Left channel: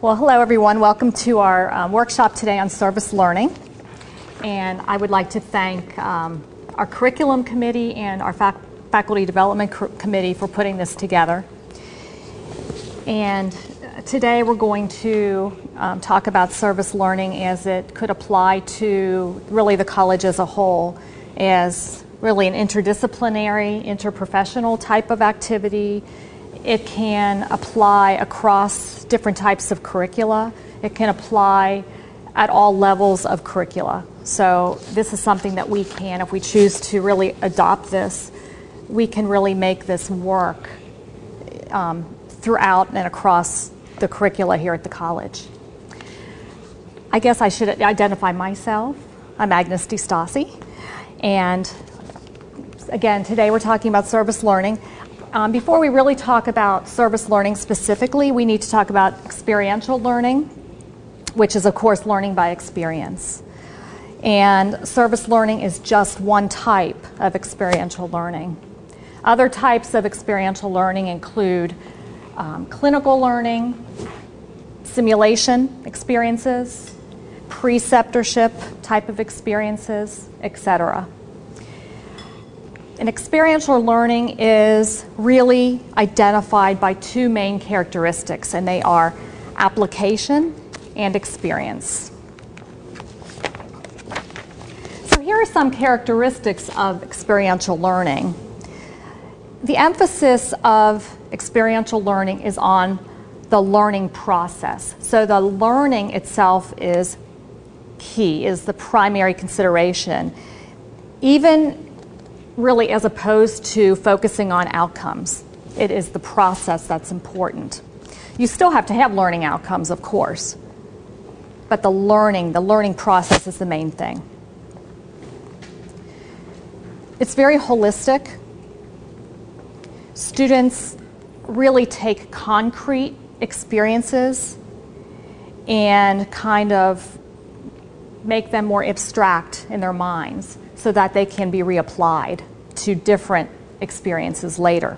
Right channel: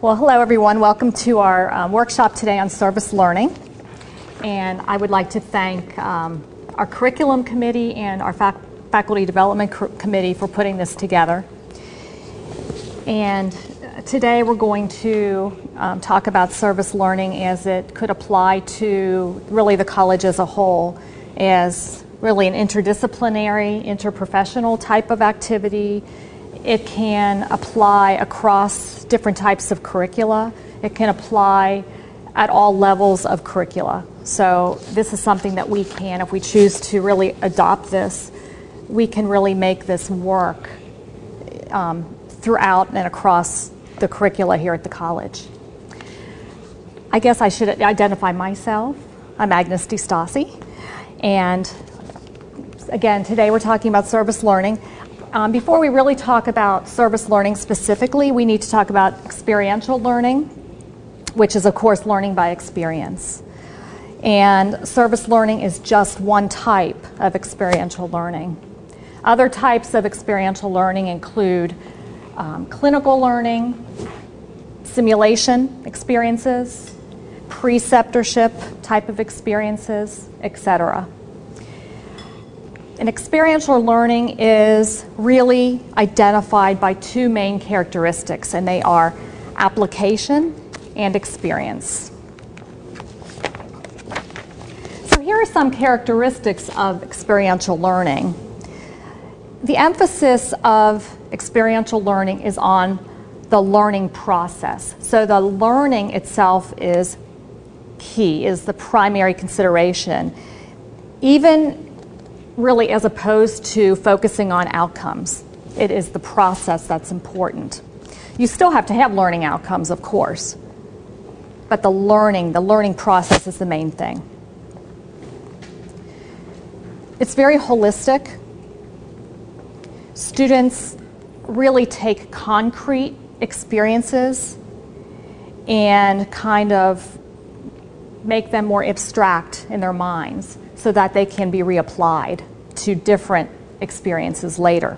Well, hello everyone. Welcome to our workshop today on service learning. And I would like to thank our curriculum committee and our faculty development committee for putting this together. And today we're going to talk about service learning as it could apply to really the college as a whole, as really an interdisciplinary, interprofessional type of activity. It can apply across different types of curricula. It can apply at all levels of curricula. So this is something that we can, if we choose to really adopt this, we can really make this work throughout and across the curricula here at the college. I guess I should identify myself. I'm Agnes distasi, and again, today we're talking about service learning. Before we really talk about service learning specifically, we need to talk about experiential learning, which is, of course, learning by experience. And service learning is just one type of experiential learning. Other types of experiential learning include clinical learning, simulation experiences, preceptorship type of experiences, etc. And experiential learning is really identified by two main characteristics, and they are application and experience. So here are some characteristics of experiential learning. The emphasis of experiential learning is on the learning process. So the learning itself is key, is the primary consideration, even really as opposed to focusing on outcomes. It is the process that's important. You still have to have learning outcomes, of course, but the learning process is the main thing. It's very holistic. Students really take concrete experiences and kind of make them more abstract in their minds so that they can be reapplied to different experiences later.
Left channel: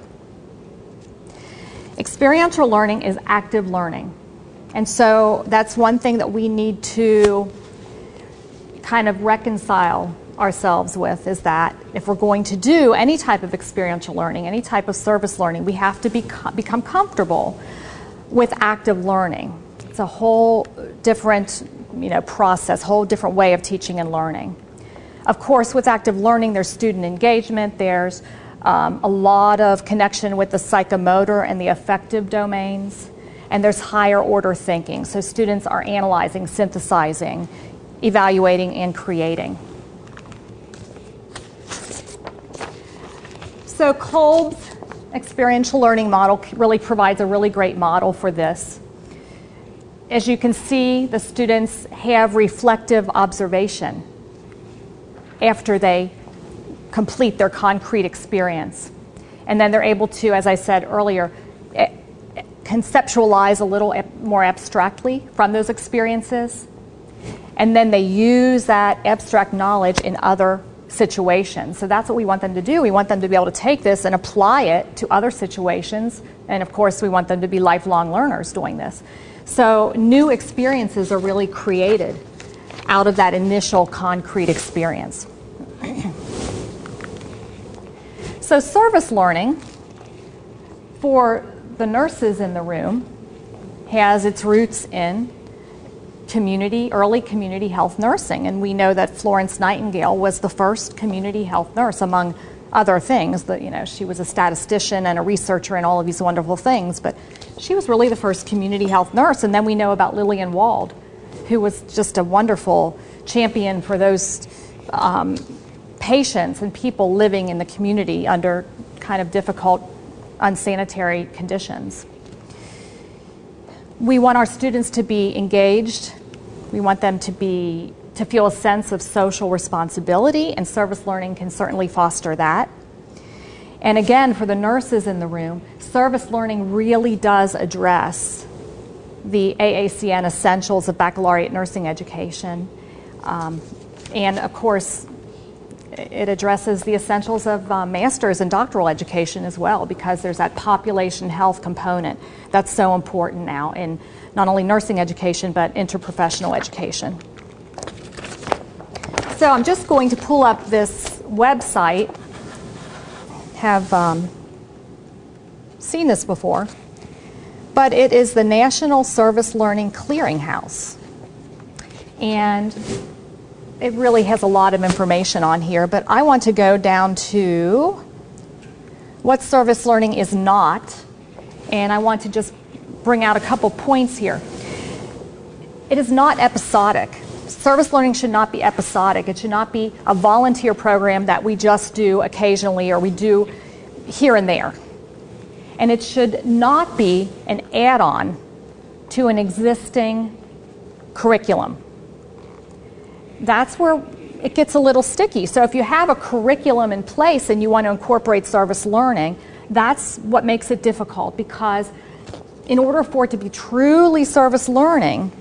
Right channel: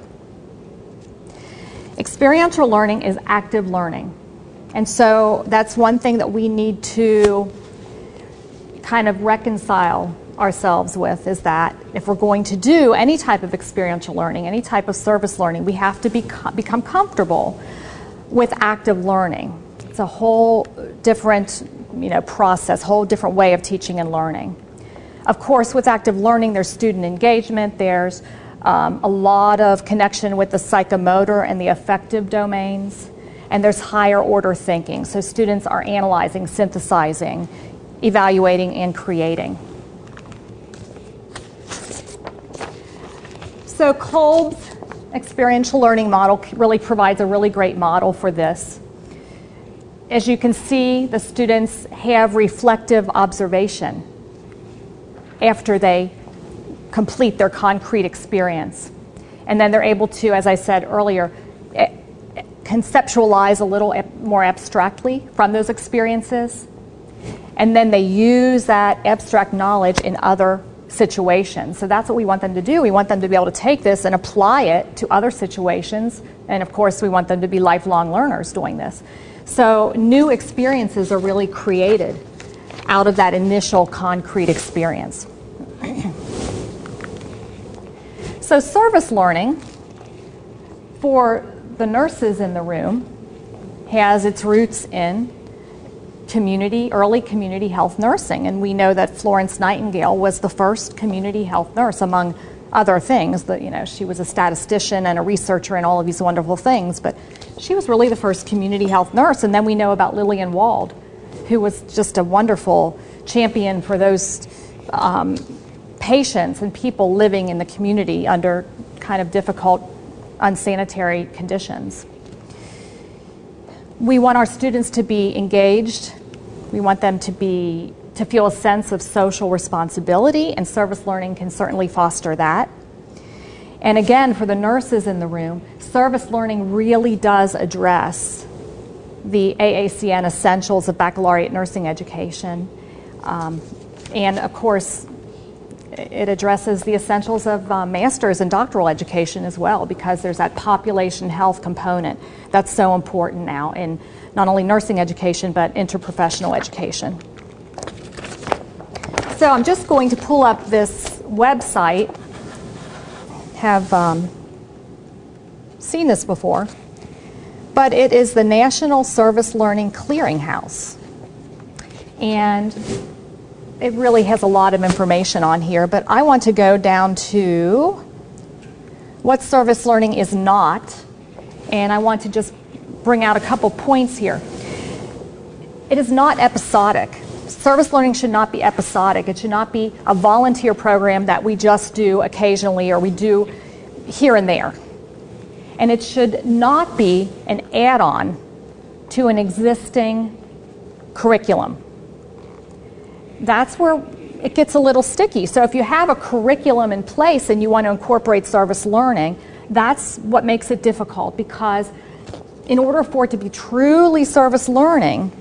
Experiential learning is active learning. And so that's one thing that we need to kind of reconcile ourselves with, is that if we're going to do any type of experiential learning, any type of service learning, we have to become comfortable with active learning. It's a whole different process, whole different way of teaching and learning. Of course, with active learning, there's student engagement, there's a lot of connection with the psychomotor and the affective domains, and there's higher order thinking. So students are analyzing, synthesizing, evaluating, and creating. So Kolb's experiential learning model really provides a really great model for this. As you can see, the students have reflective observation after they complete their concrete experience. And then they're able to, as I said earlier, conceptualize a little more abstractly from those experiences. And then they use that abstract knowledge in other situations. So that's what we want them to do. We want them to be able to take this and apply it to other situations. And of course, we want them to be lifelong learners doing this. So new experiences are really created out of that initial concrete experience. So service learning for the nurses in the room has its roots in early community health nursing. And we know that Florence Nightingale was the first community health nurse, among other things. That, she was a statistician and a researcher and all of these wonderful things, but she was really the first community health nurse. And then we know about Lillian Wald, who was just a wonderful champion for those patients and people living in the community under kind of difficult, unsanitary conditions. We want our students to be engaged. We want them to feel a sense of social responsibility, and service learning can certainly foster that. And again, for the nurses in the room, service learning really does address the AACN essentials of baccalaureate nursing education. And of course, it addresses the essentials of master's and doctoral education as well, because there's that population health component that's so important now in not only nursing education but interprofessional education. So I'm just going to pull up this website. Have seen this before, but it is the National Service Learning Clearinghouse. And it really has a lot of information on here, but I want to go down to what service learning is not, and I want to just bring out a couple points here. It is not episodic. Service learning should not be episodic. It should not be a volunteer program that we just do occasionally or we do here and there. And it should not be an add-on to an existing curriculum. That's where it gets a little sticky. So if you have a curriculum in place and you want to incorporate service learning, that's what makes it difficult, because in order for it to be truly service learning,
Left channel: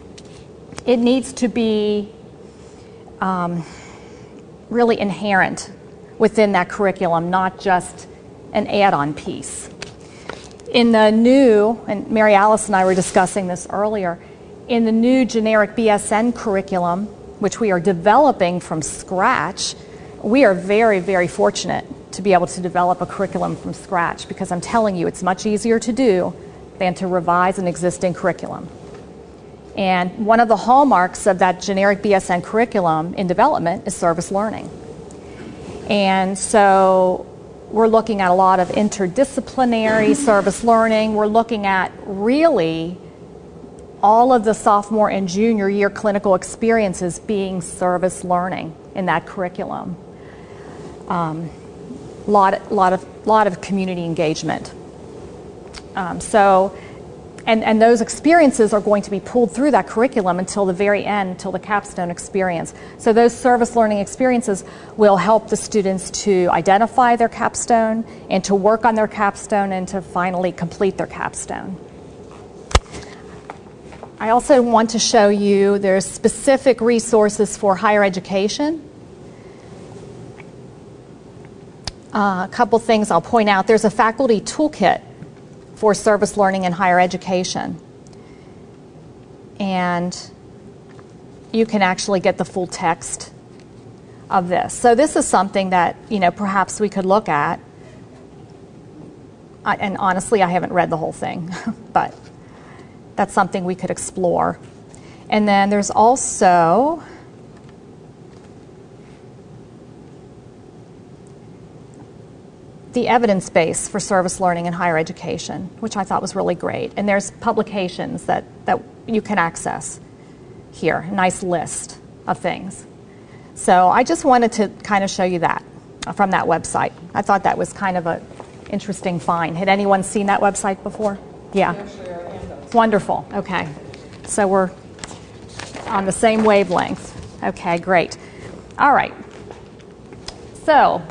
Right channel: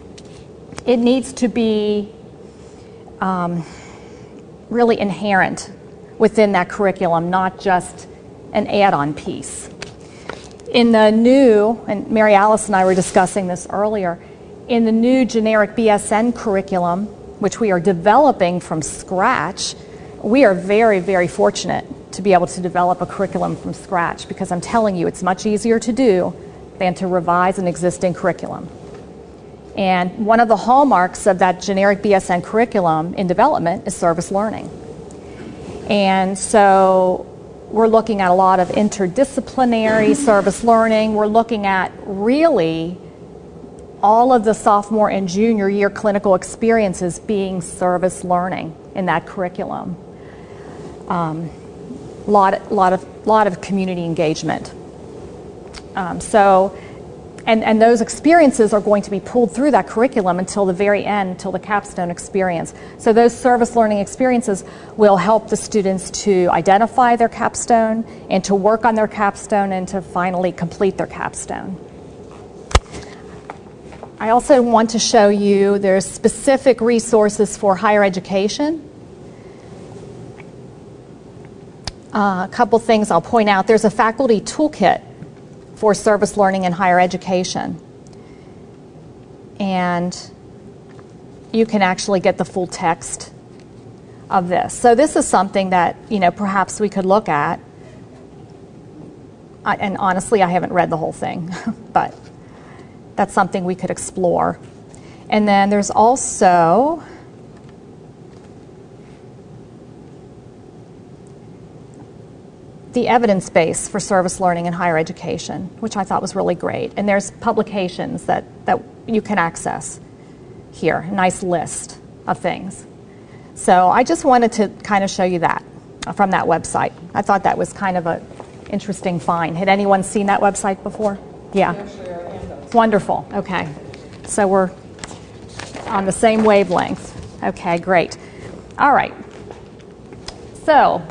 it needs to be really inherent within that curriculum, not just an add-on piece. In the new, and Mary Alice and I were discussing this earlier, in the new generic BSN curriculum, which we are developing from scratch, we are very, very fortunate to be able to develop a curriculum from scratch, because I'm telling you, it's much easier to do than to revise an existing curriculum. And one of the hallmarks of that generic BSN curriculum in development is service learning. And so we're looking at a lot of interdisciplinary service learning. We're looking at really all of the sophomore and junior year clinical experiences being service learning in that curriculum. Lot of community engagement. And those experiences are going to be pulled through that curriculum until the very end, until the capstone experience. So those service learning experiences will help the students to identify their capstone and to work on their capstone and to finally complete their capstone. I also want to show you there's specific resources for higher education. A couple things I'll point out. There's a faculty toolkit for service learning in higher education. And you can actually get the full text of this. So this is something that, perhaps we could look at. And honestly, I haven't read the whole thing, but that's something we could explore. And then there's also the evidence base for service learning in higher education, which I thought was really great. And there's publications that you can access here, a nice list of things. So I just wanted to kind of show you that from that website. I thought that was kind of an interesting find. Had anyone seen that website before? Yeah. Wonderful. Okay. So we're on the same wavelength. Okay, great. All right. So,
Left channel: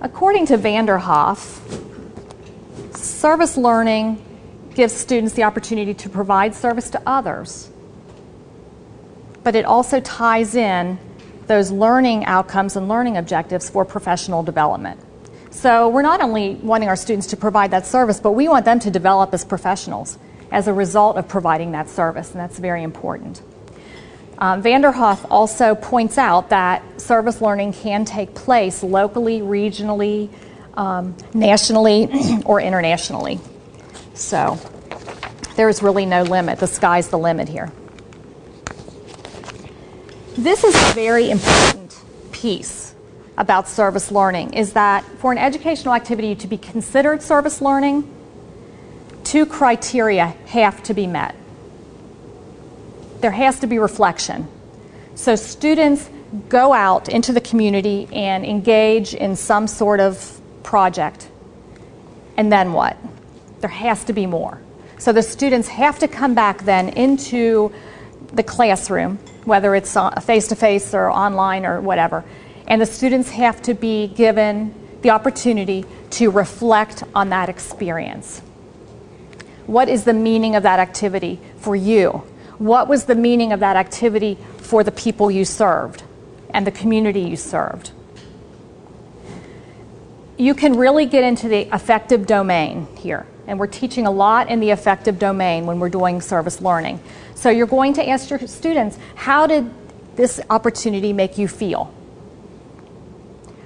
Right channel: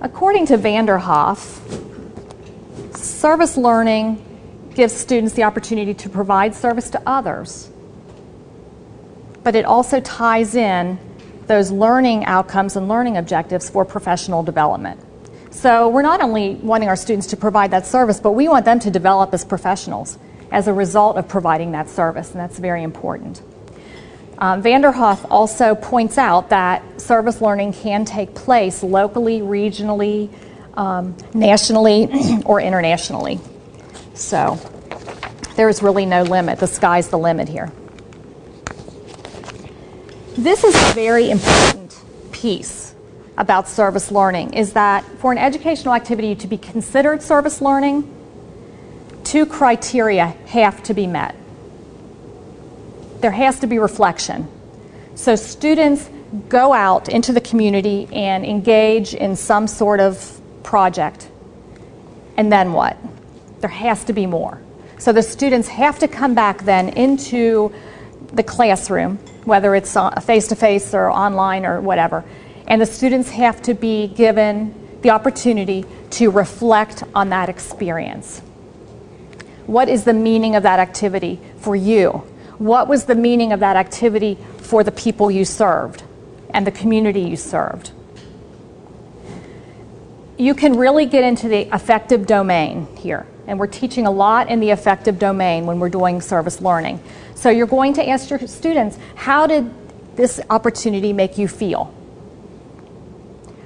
according to Vanderhoff, service learning gives students the opportunity to provide service to others, but it also ties in those learning outcomes and learning objectives for professional development. So we're not only wanting our students to provide that service, but we want them to develop as professionals as a result of providing that service, and that's very important. Vanderhoff also points out that service learning can take place locally, regionally, nationally, or internationally. So there's really no limit. The sky's the limit here. This is a very important piece about service learning, is that for an educational activity to be considered service learning, 2 criteria have to be met. There has to be reflection. So students go out into the community and engage in some sort of project. And then what? There has to be more. So the students have to come back then into the classroom, whether it's face-to-face or online or whatever, and the students have to be given the opportunity to reflect on that experience. What is the meaning of that activity for you? What was the meaning of that activity for the people you served? and the community you served. You can really get into the affective domain here, and we're teaching a lot in the affective domain when we're doing service learning. So you're going to ask your students, how did this opportunity make you feel?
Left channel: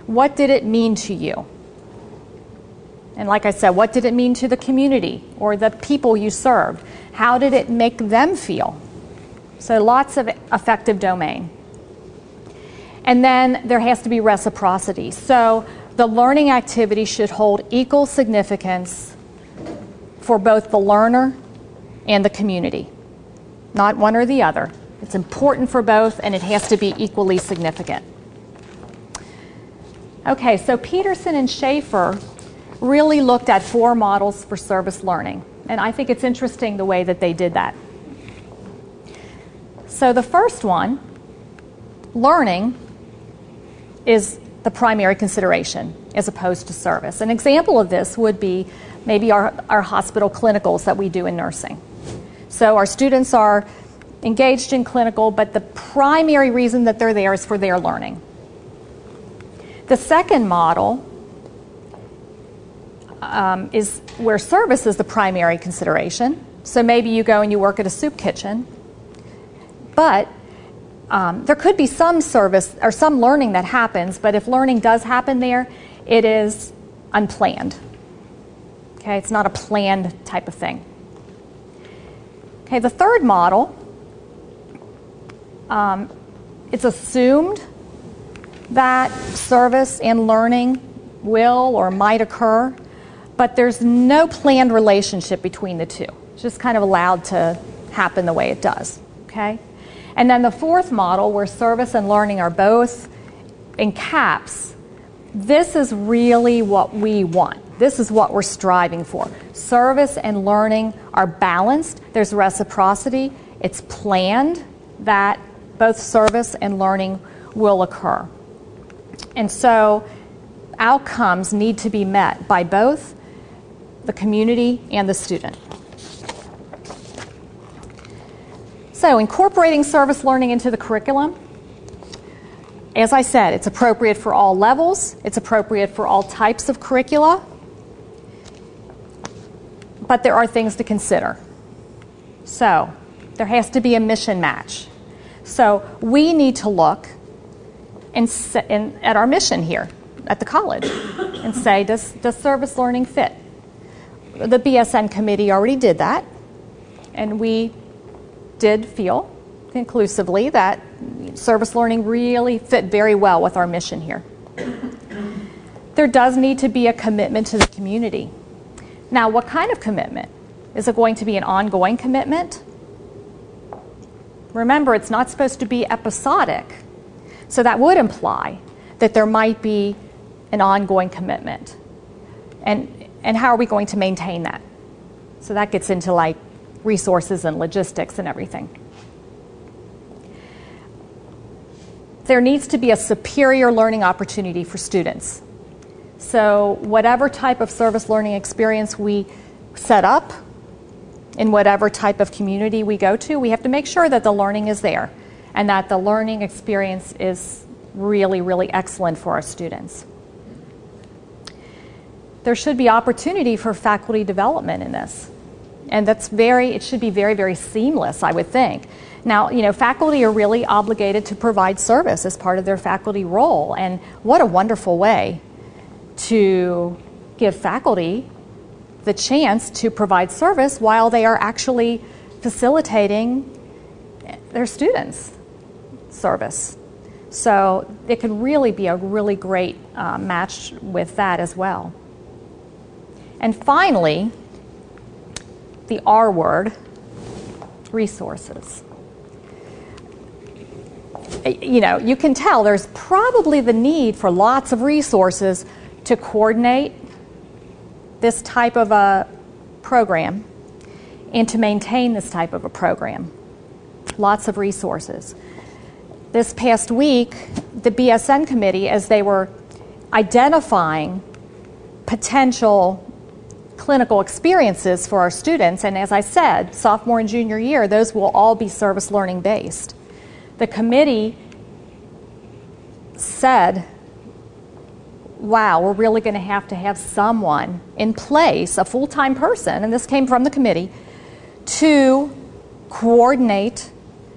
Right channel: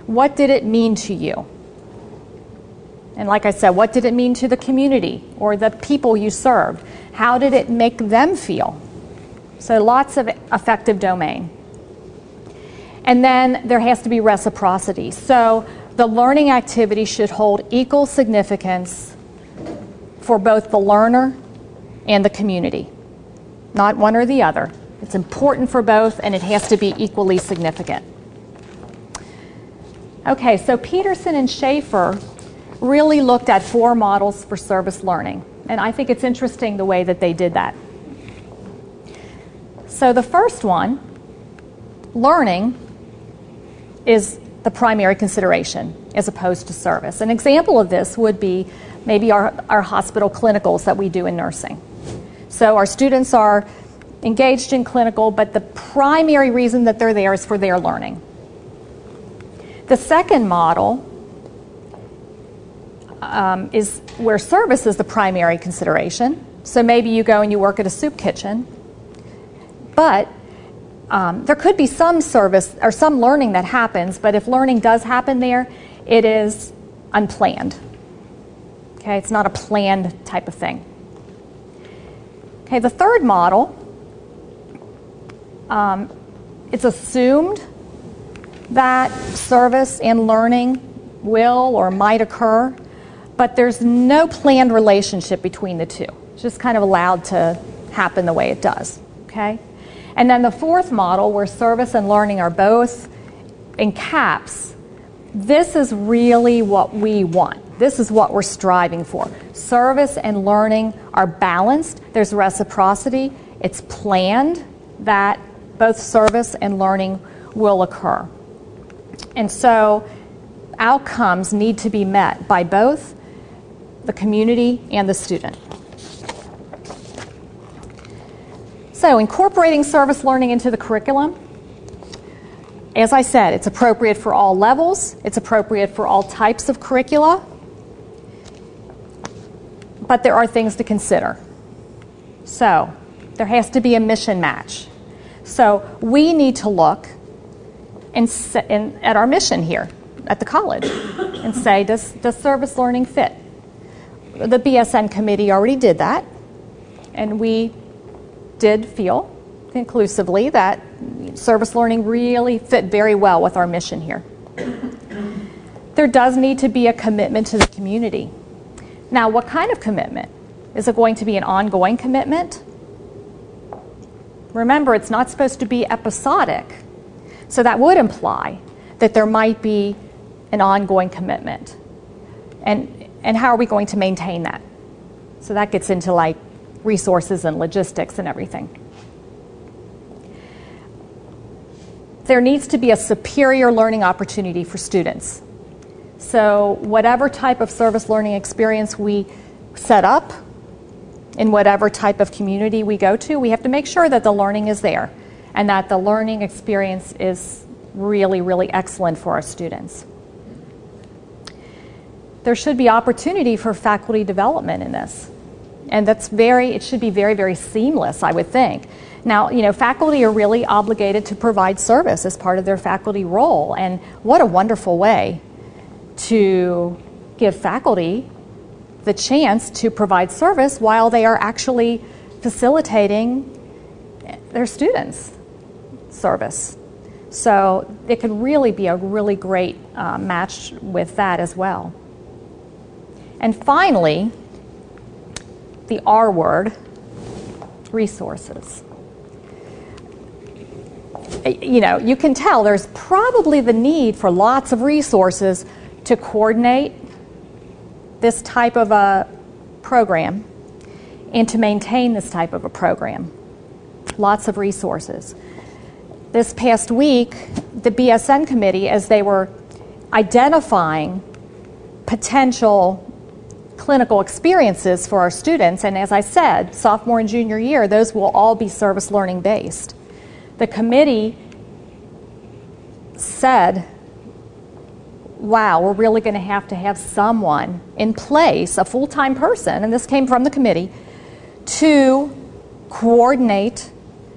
What did it mean to you? And like I said, what did it mean to the community or the people you served? How did it make them feel? So lots of affective domain. And then there has to be reciprocity. So the learning activity should hold equal significance for both the learner and the community. Not one or the other. It's important for both, and it has to be equally significant. Okay, so Peterson and Schaefer really looked at 4 models for service learning, and I think it's interesting the way that they did that. So the first one, learning, is the primary consideration as opposed to service. An example of this would be maybe our hospital clinicals that we do in nursing. So our students are engaged in clinical, but the primary reason that they're there is for their learning. The second model is where service is the primary consideration. So maybe you go and you work at a soup kitchen, but there could be some service or some learning that happens, but if learning does happen there, it is unplanned. Okay, it's not a planned type of thing. Okay, the third model, it's assumed that service and learning will or might occur, but there's no planned relationship between the two. It's just kind of allowed to happen the way it does. Okay? And then the fourth model, where service and learning are both in caps, this is really what we want. This is what we're striving for. Service and learning are balanced. There's reciprocity. It's planned that both service and learning will occur. And so outcomes need to be met by both the community and the student. So incorporating service learning into the curriculum, as I said, it's appropriate for all levels. It's appropriate for all types of curricula. But there are things to consider. So there has to be a mission match. So we need to look at our mission here at the college and say, does service learning fit? The BSN committee already did that, and we did feel conclusively that service learning really fit very well with our mission here. There does need to be a commitment to the community. Now, what kind of commitment? Is it going to be an ongoing commitment? Remember, it's not supposed to be episodic. So that would imply that there might be an ongoing commitment. And how are we going to maintain that? So that gets into like resources and logistics and everything. There needs to be a superior learning opportunity for students. So whatever type of service learning experience we set up, in whatever type of community we go to, we have to make sure that the learning is there and that the learning experience is really, really excellent for our students. There should be opportunity for faculty development in this. And it should be very, very seamless, I would think. Now, faculty are really obligated to provide service as part of their faculty role. And what a wonderful way to give faculty the chance to provide service while they are actually facilitating their students' service. So it could really be a really great match with that as well. And finally, the R word, resources. You can tell there's probably the need for lots of resources to coordinate this type of a program and to maintain this type of a program. Lots of resources. This past week, the BSN committee, as they were identifying potential clinical experiences for our students, and as I said, sophomore and junior year, those will all be service learning based. The committee said, wow, we're really going to have someone in place, a full-time person, and this came from the committee, to coordinate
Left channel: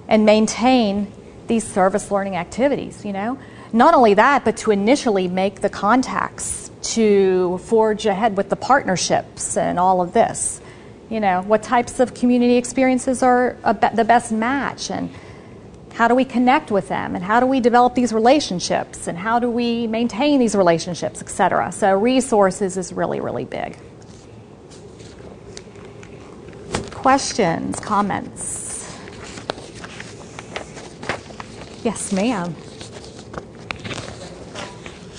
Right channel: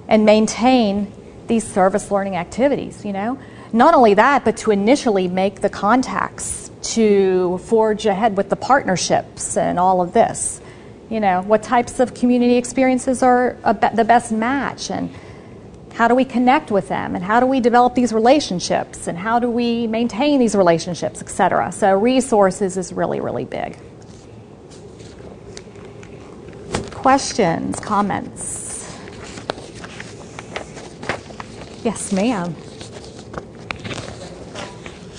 and maintain these service learning activities, you know. Not only that, but to initially make the contacts, to forge ahead with the partnerships and all of this. You know, what types of community experiences are the best match, and how do we connect with them, and how do we develop these relationships, and how do we maintain these relationships, etc. So resources is really, really big. Questions, comments? Yes, ma'am.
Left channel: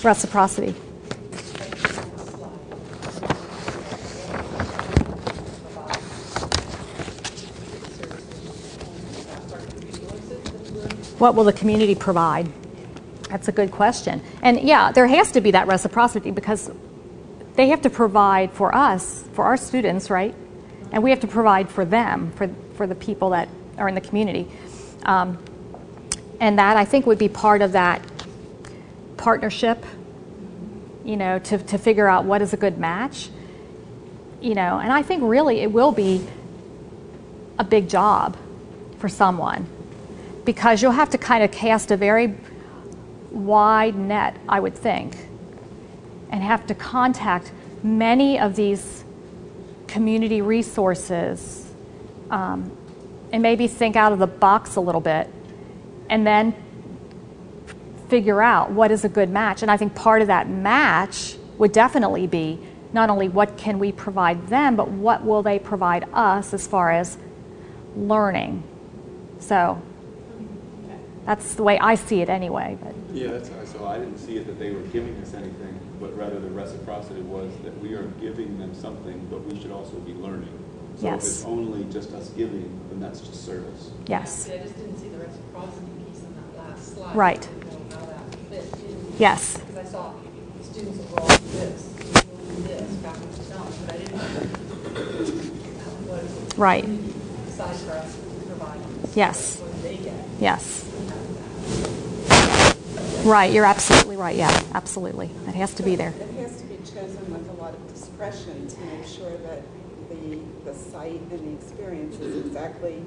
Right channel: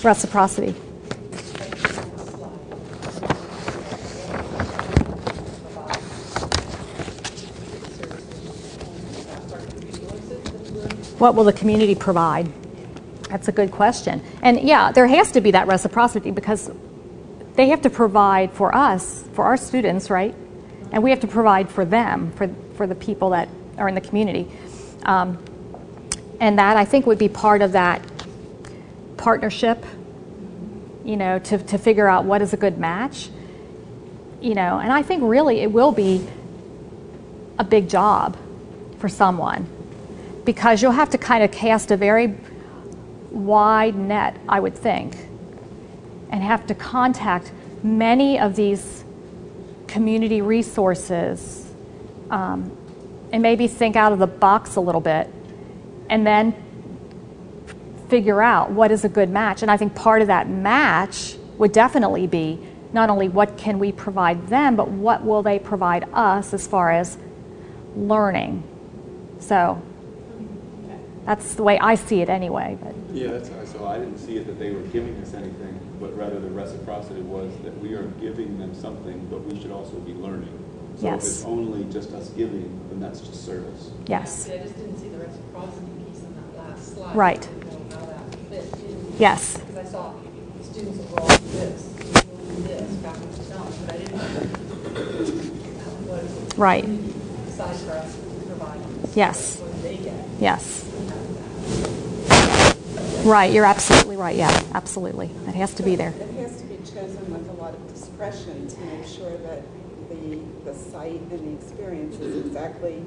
Reciprocity. What will the community provide? That's a good question. And yeah, there has to be that reciprocity because they have to provide for us, for our students, right? And we have to provide for them, for the people that are in the community. And that, I think, would be part of that partnership, you know, to figure out what is a good match. You know, and I think really it will be a big job for someone, because you'll have to kind of cast a very wide net, I would think, and have to contact many of these community resources, and maybe think out of the box a little bit, and then figure out what is a good match. And I think part of that match would definitely be not only what can we provide them, but what will they provide us as far as learning. So that's the way I see it anyway. But. Yeah, so I didn't see it that they were giving us anything, but rather the reciprocity was that we are giving them something, but we should also be learning. So yes. If it's only just us giving, then that's just service. Yes. Yeah, I just didn't see the reciprocity piece on that last slide. Right. I didn't know how that fit in. Yes. Because I saw students will all do this, do this, faculty don't, but I didn't know what right. besides for us to provide. Yes. What they get. Yes. Right, you're absolutely right. Yeah, absolutely. It has to be there. It has to be chosen with a lot of discretion to make sure that the site and the experience is exactly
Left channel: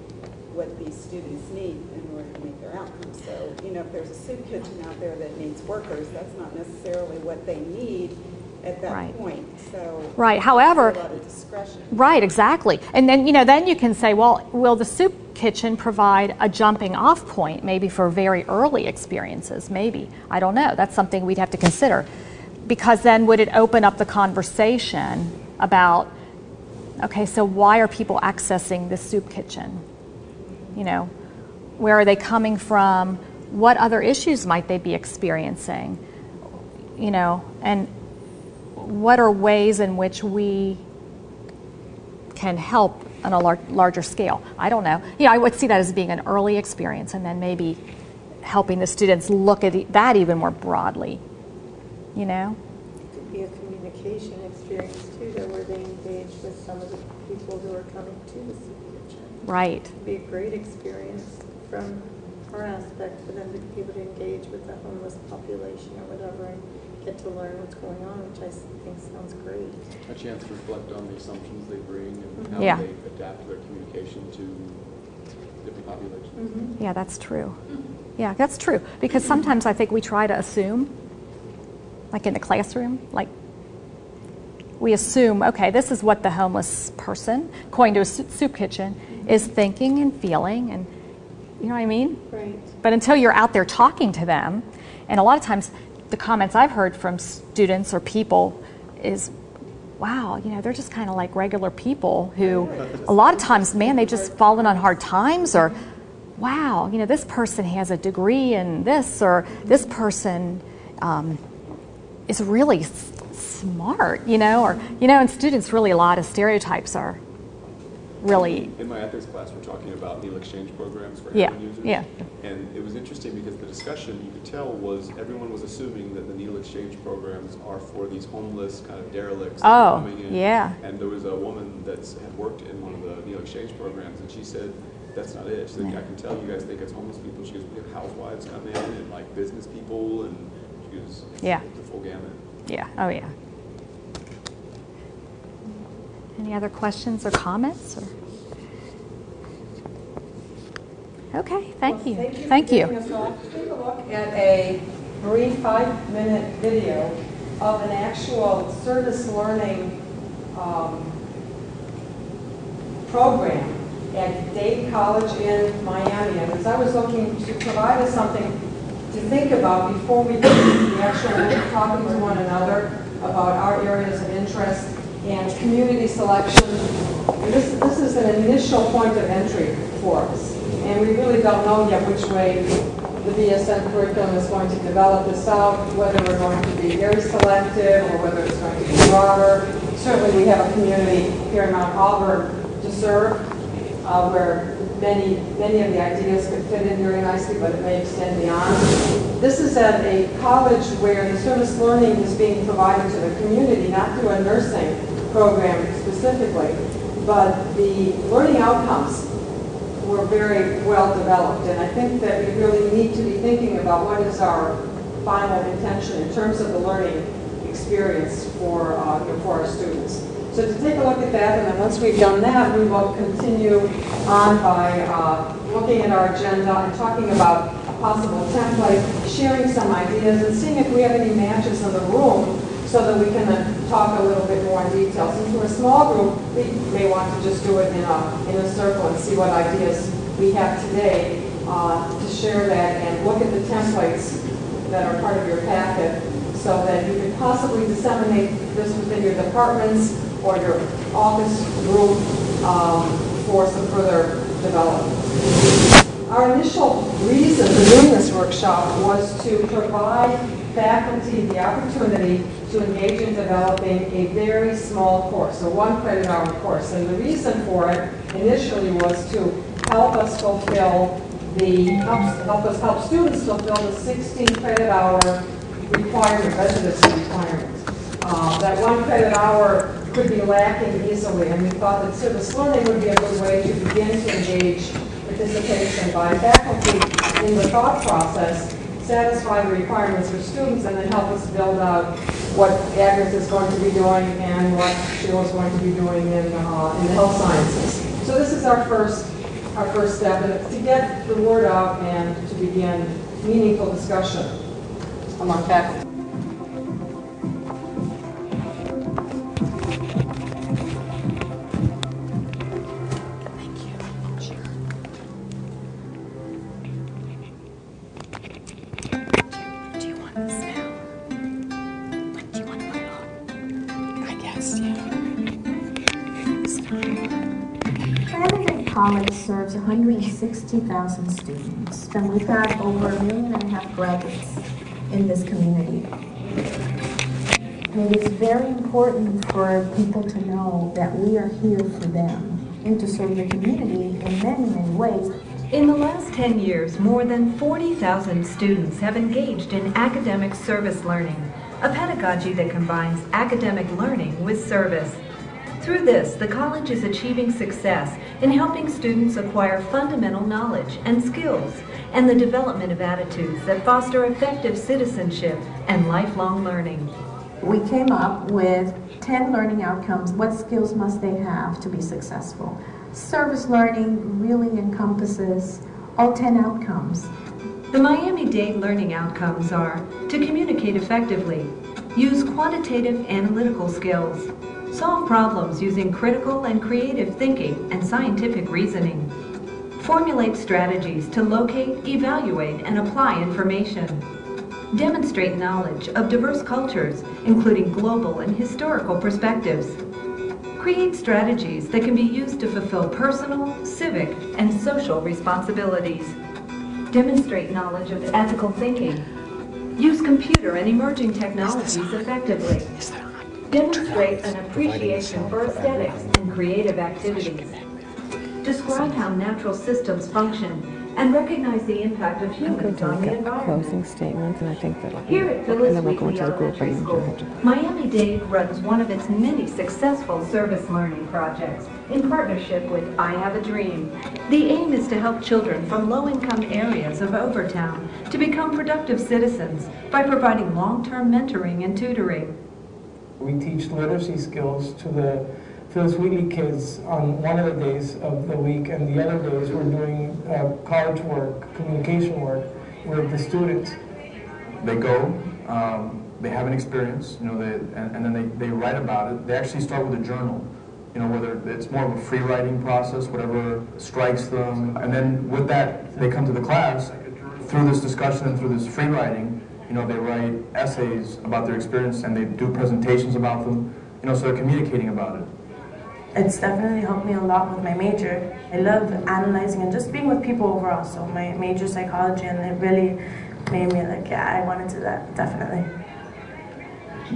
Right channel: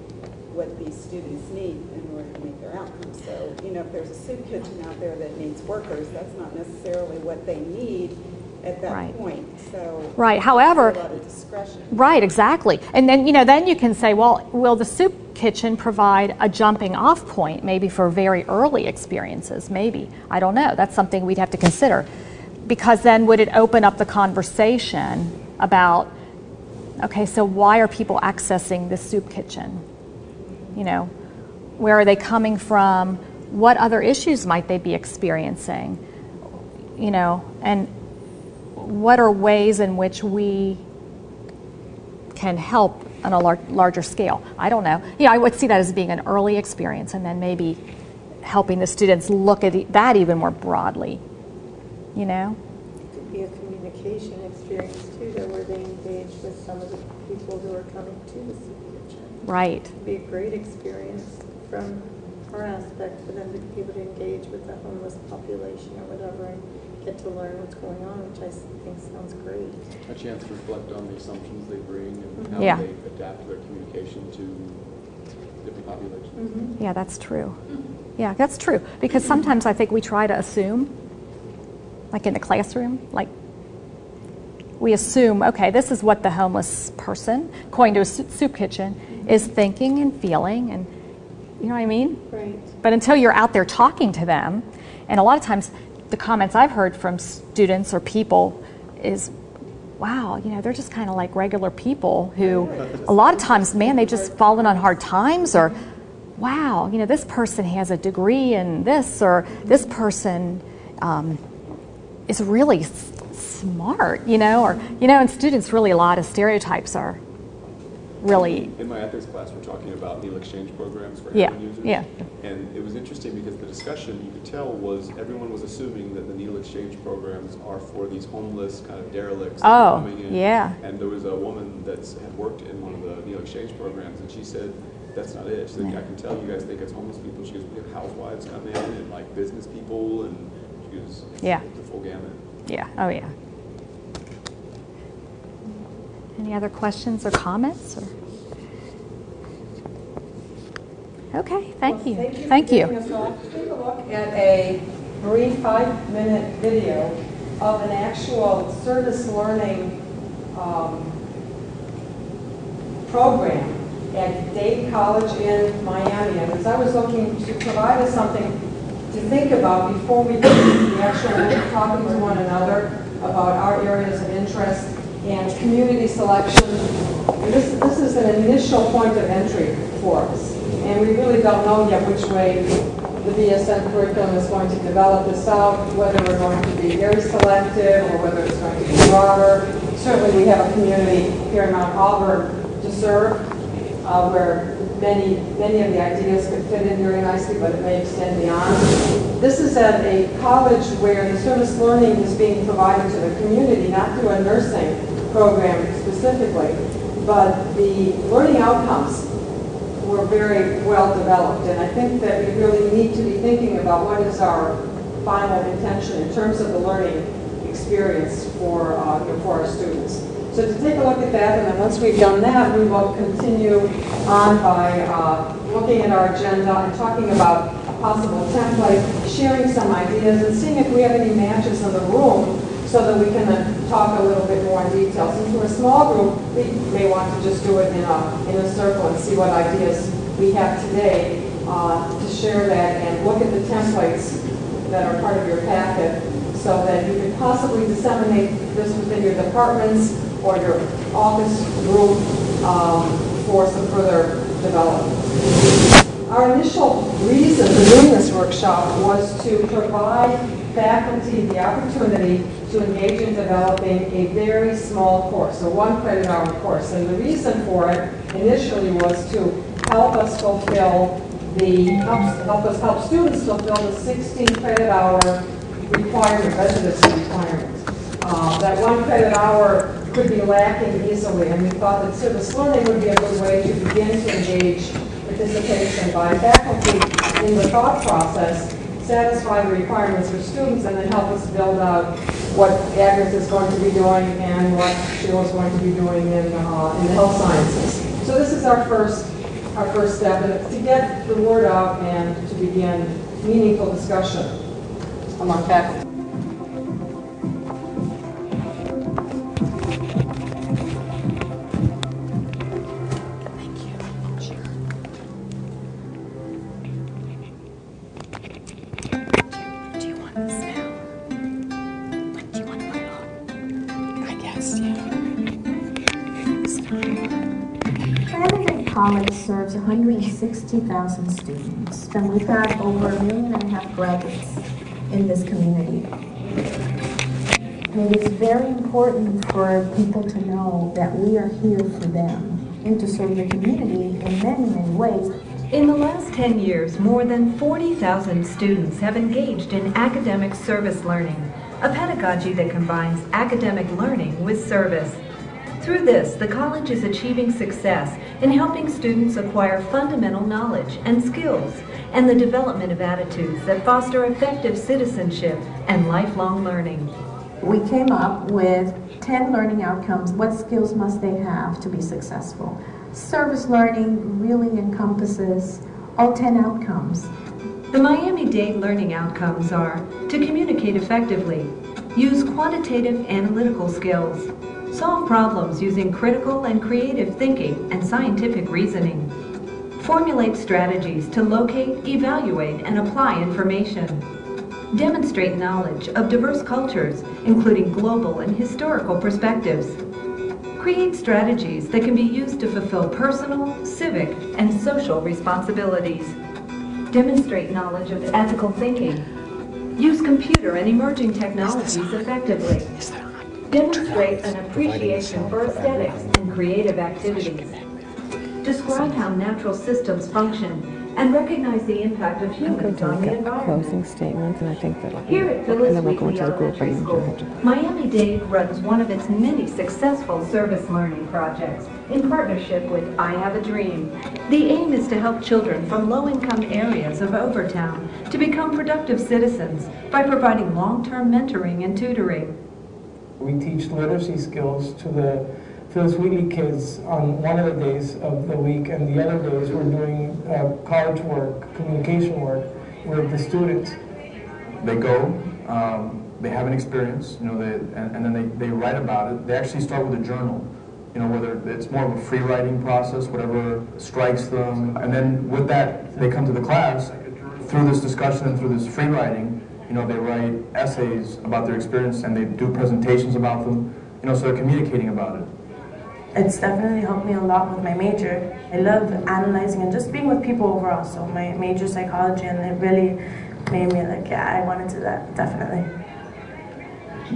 what these students need in order to meet their outcomes. So, you know, if there's a soup kitchen out there that needs workers, that's not necessarily what they need at that right. point. So, right. However, a lot of discretion. Right, exactly. And then, you know, then you can say, well, will the soup kitchen provide a jumping off point maybe for very early experiences? Maybe. I don't know. That's something we'd have to consider. Because then would it open up the conversation about, okay, so why are people accessing the soup kitchen? You know, where are they coming from? What other issues might they be experiencing? You know, and what are ways in which we can help on a larger scale? I don't know. Yeah, I would see that as being an early experience, and then maybe helping the students look at that even more broadly. You know? It could be a communication experience too, though, where they engage with some of the people who are coming to the soup kitchen. Right. It'd be a great experience from our aspect for them to be able to engage with the homeless population or whatever and get to learn what's going on, which I think sounds great. A chance to reflect on the assumptions they bring and how yeah. they adapt their communication to different populations. Yeah, that's true. Yeah, that's true. Because sometimes I think we try to assume, like in the classroom, like we assume, okay, this is what the homeless person going to a soup kitchen is thinking and feeling, and you know what I mean? Right. But until you're out there talking to them, and a lot of times the comments I've heard from students or people is, wow, you know, they're just kind of like regular people who a lot of times, man, they've just fallen on hard times, or wow, you know, this person has a degree in this, or this person is really smart, you know, or, you know, in students really a lot of stereotypes are really... In my ethics class, we're talking about meal exchange programs for yeah, heroin users. yeah. And it was interesting because the discussion, you could tell, was everyone was assuming that the needle exchange programs are for these homeless kind of derelicts that are coming in. Yeah. And there was a woman that had worked in one of the needle exchange programs, and she said, that's not it. She said, I can tell you guys think it's homeless people. She goes, we have housewives come in and like business people and because it's Yeah. the full gamut. Yeah, oh yeah. Any other questions or comments? Okay, thank you. Thank you. For getting us off. Take a look at a brief 5-minute video of an actual service learning program at Dade College in Miami. And as I was looking to provide us something to think about before we get into the actual talking to one another about our areas of interest and community selection, this is an initial point of entry for us. And we really don't know yet which way the BSN curriculum is going to develop this out, whether we're going to be very selective or whether it's going to be broader. Certainly we have a community here in Mount Auburn to serve, where many of the ideas could fit in very nicely, but it may extend beyond. This is at a college where the service learning is being provided to the community, not through a nursing program specifically, but the learning outcomes were very well developed. And I think that we really need to be thinking about what is our final intention in terms of the learning experience for our students. So to take a look at that, and then once we've done that, we will continue on by looking at our agenda and talking about a possible template, sharing some ideas, and seeing if we have any matches in the room so that we can then talk a little bit more in detail. Since we're a small group, we may want to just do it in a circle and see what ideas we have today to share that and look at the templates that are part of your packet so that you can possibly disseminate this within your departments or your office group for some further development. Our initial reason for doing this workshop was to provide faculty the opportunity to engage in developing a very small course, a 1 credit hour course. And the reason for it initially was to help us help students fulfill the 16 credit hour requirement, residency requirement. That 1 credit hour could be lacking easily, and we thought that service learning would be a good way to begin to engage participation by faculty in the thought process, satisfy the requirements for students, and then help us build out what Agnes is going to be doing and what Sheila is going to be doing in the health sciences. So this is our first step, and it's to get the word out and to begin meaningful discussion among faculty. College serves 160,000 students, and we've got over 1.5 million graduates in this community. And it's very important for people to know that we are here for them and to serve the community in many, many ways. In the last 10 years, more than 40,000 students have engaged in academic service learning, a pedagogy that combines academic learning with service. Through this, the college is achieving success in helping students acquire fundamental knowledge and skills and the development of attitudes that foster effective citizenship and lifelong learning. We came up with 10 learning outcomes. What skills must they have to be successful? Service learning really encompasses all 10 outcomes. The Miami-Dade learning outcomes are to communicate effectively, use quantitative analytical skills, solve problems using critical and creative thinking and scientific reasoning, formulate strategies to locate, evaluate, and apply information, demonstrate knowledge of diverse cultures, including global and historical perspectives, create strategies that can be used to fulfill personal, civic, and social responsibilities, demonstrate knowledge of ethical thinking, use computer and emerging technologies effectively, demonstrate an appreciation for aesthetics and creative activities, describe how natural systems function and recognize the impact of I'm going humans to on look the at environment. closing statements, and I think that Here at and Phyllis then we'll go Wheatley into the group. Elementary School, Miami-Dade runs one of its many successful service learning projects in partnership with I Have a Dream. The aim is to help children from low-income areas of Overtown to become productive citizens by providing long-term mentoring and tutoring. We teach literacy skills to the Phyllis Wheatley kids on one of the days of the week, and the other days we're doing college work, communication work with the students. They go, they have an experience, you know, and then they write about it. They actually start with a journal, you know, whether it's more of a free writing process, whatever strikes them, and then with that they come to the class through this discussion and through this free writing. You know, they write essays about their experience and they do presentations about them, you know, so they're communicating about it. It's definitely helped me a lot with my major. I love analyzing and just being with people overall. So my major psychology, and it really made me like, yeah, I want to do that, definitely.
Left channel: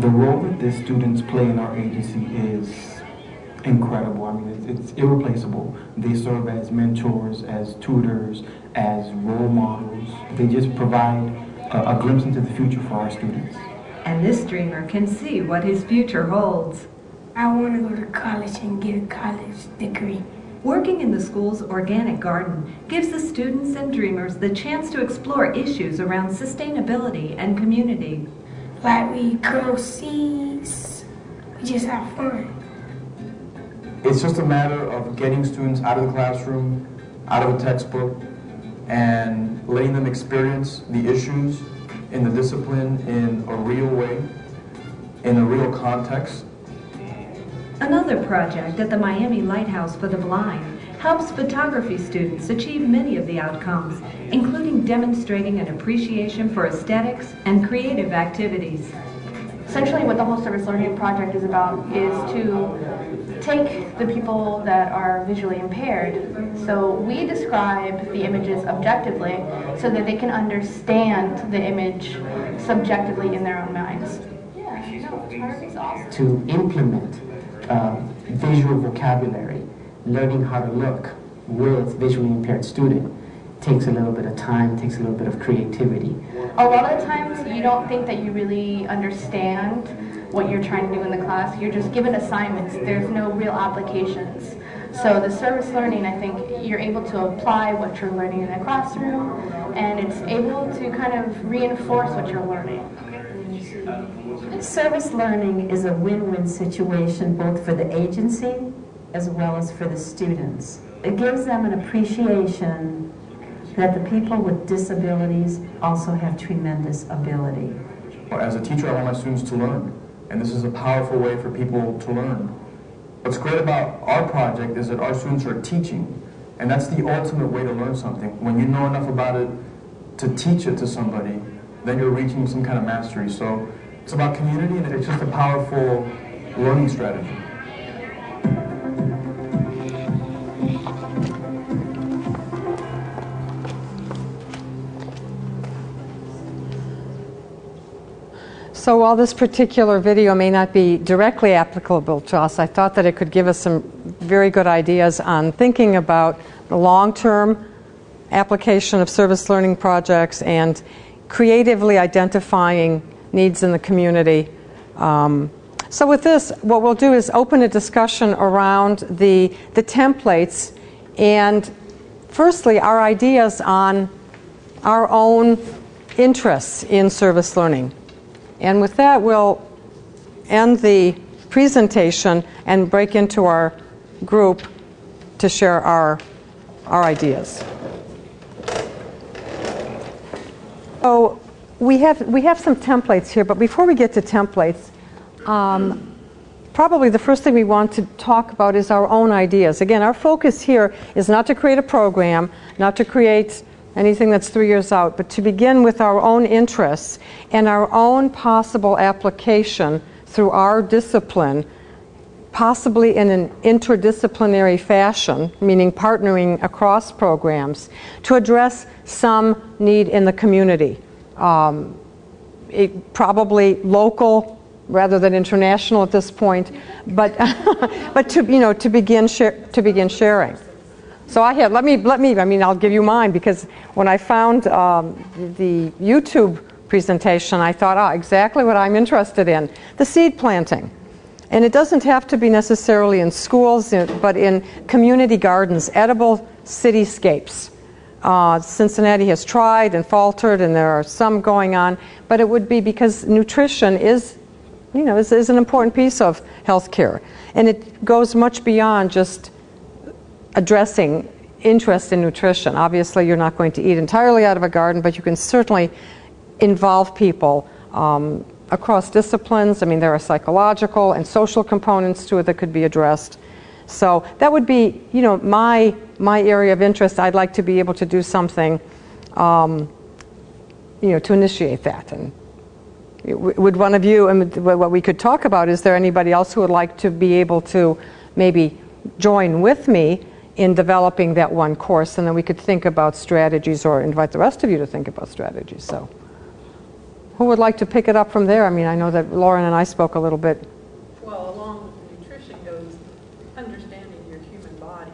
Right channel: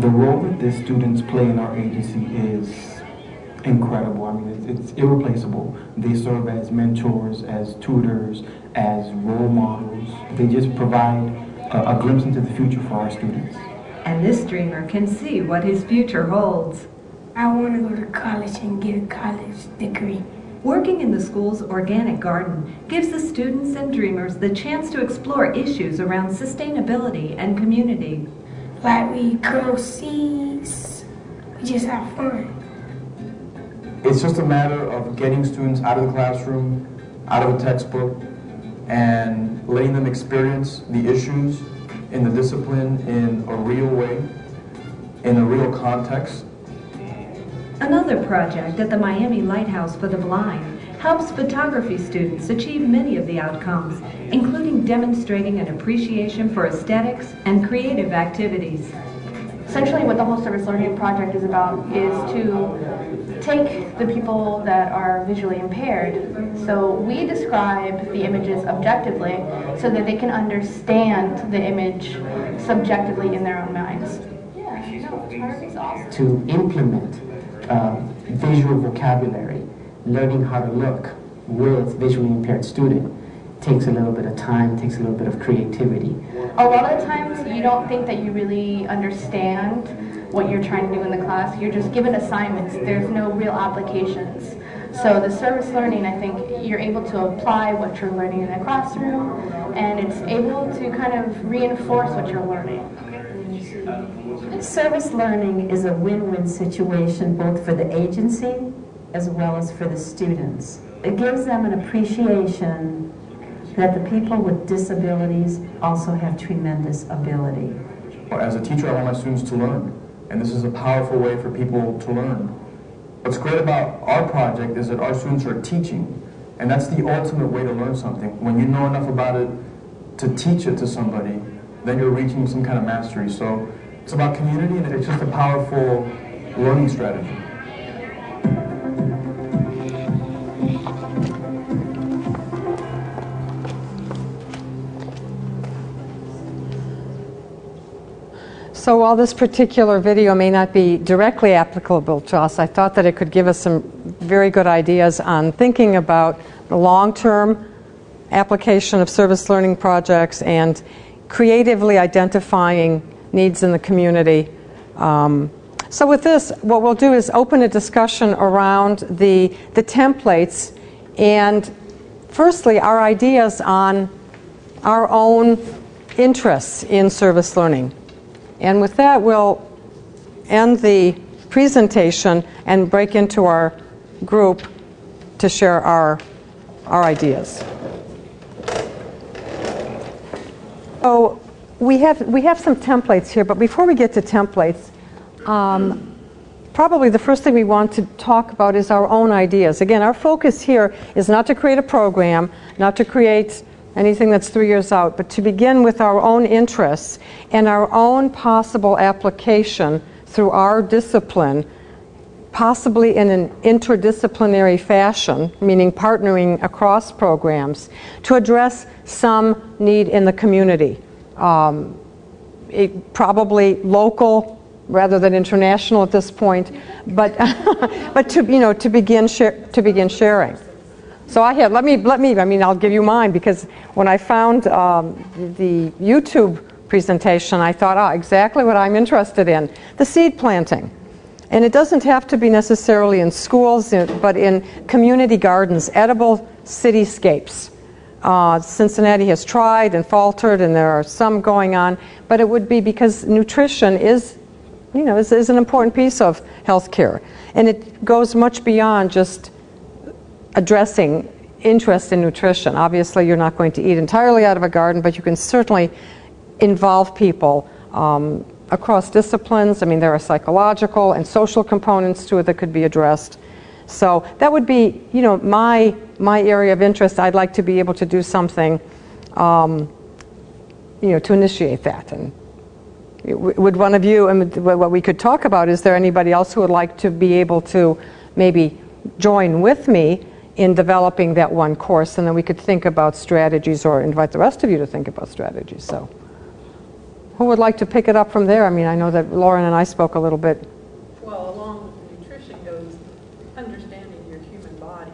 The role that the students play in our agency is incredible. I mean, it's irreplaceable. They serve as mentors, as tutors, as role models. They just provide a glimpse into the future for our students. And this dreamer can see what his future holds. I want to go to college and get a college degree. Working in the school's organic garden gives the students and dreamers the chance to explore issues around sustainability and community. Like we grow seeds, we just have fun. It's just a matter of getting students out of the classroom, out of a textbook, and letting them experience the issues in the discipline in a real way, in a real context. Another project at the Miami Lighthouse for the Blind helps photography students achieve many of the outcomes, including demonstrating an appreciation for aesthetics and creative activities. Essentially what the whole service learning project is about is to take the people that are visually impaired. So we describe the images objectively so that they can understand the image subjectively in their own minds. To implement visual vocabulary, learning how to look with visually impaired student takes a little bit of time, takes a little bit of creativity. A lot of the times you don't think that you really understand what you're trying to do in the class. You're just given assignments. There's no real applications. So the service learning, I think you're able to apply what you're learning in the classroom, and it's able to kind of reinforce what you're learning. Service learning is a win-win situation both for the agency as well as for the students. It gives them an appreciation that the people with disabilities also have tremendous ability. As a teacher, I want my students to learn, and this is a powerful way for people to learn. What's great about our project is that our students are teaching, and that's the ultimate way to learn something. When you know enough about it to teach it to somebody, then you're reaching some kind of mastery. So it's about community, and it's just a powerful learning strategy. So while this particular video may not be directly applicable to us, I thought that it could give us some very good ideas on thinking about the long-term application of service learning projects and creatively identifying needs in the community. So with this, what we'll do is open a discussion around the templates and firstly our ideas on our own interests in service learning. And with that, we'll end the presentation and break into our group to share our ideas. So we have some templates here, but before we get to templates, probably the first thing we want to talk about is our own ideas. Again, our focus here is not to create a program, not to create anything that's 3 years out, but to begin with our own interests and our own possible application through our discipline, possibly in an interdisciplinary fashion, meaning partnering across programs, to address some need in the community. Probably local rather than international at this point, but but to begin sharing. So I had, I mean, I'll give you mine, because when I found the YouTube presentation, I thought, oh, exactly what I'm interested in, the seed planting. And it doesn't have to be necessarily in schools, but in community gardens, edible cityscapes. Cincinnati has tried and faltered, and there are some going on, but it would be because nutrition is, you know, is an important piece of healthcare. And it goes much beyond just addressing interest in nutrition. Obviously, you're not going to eat entirely out of a garden, but you can certainly involve people across disciplines. I mean, there are psychological and social components to it that could be addressed. So that would be, you know, my area of interest. I'd like to be able to do something, you know, to initiate that. And would one of you, and what we could talk about, is there anybody else who would like to be able to maybe join with me in developing that one course, and then we could think about strategies, or invite the rest of you to think about strategies. So who would like to pick it up from there? I mean, I know that Lauren and I spoke a little bit. Well, along with nutrition goes understanding your human body.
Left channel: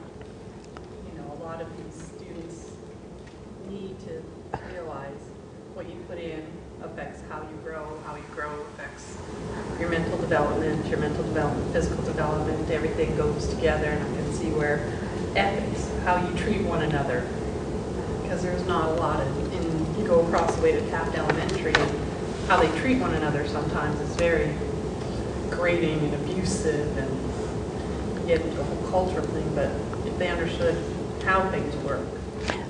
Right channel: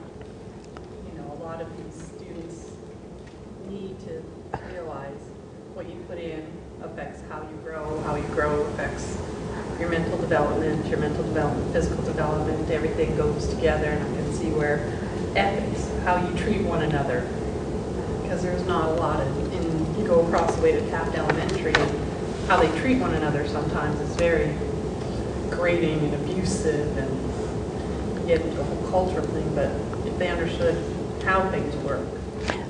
You know, a lot of these students need to realize what you put in affects how you grow affects your mental development, physical development, everything goes together. And I can see where ethics, how you treat one another, because there's not a lot of, and you go across the way to Taft Elementary, and how they treat one another sometimes is very grating and abusive, and you get into the whole cultural thing. But if they understood how things work.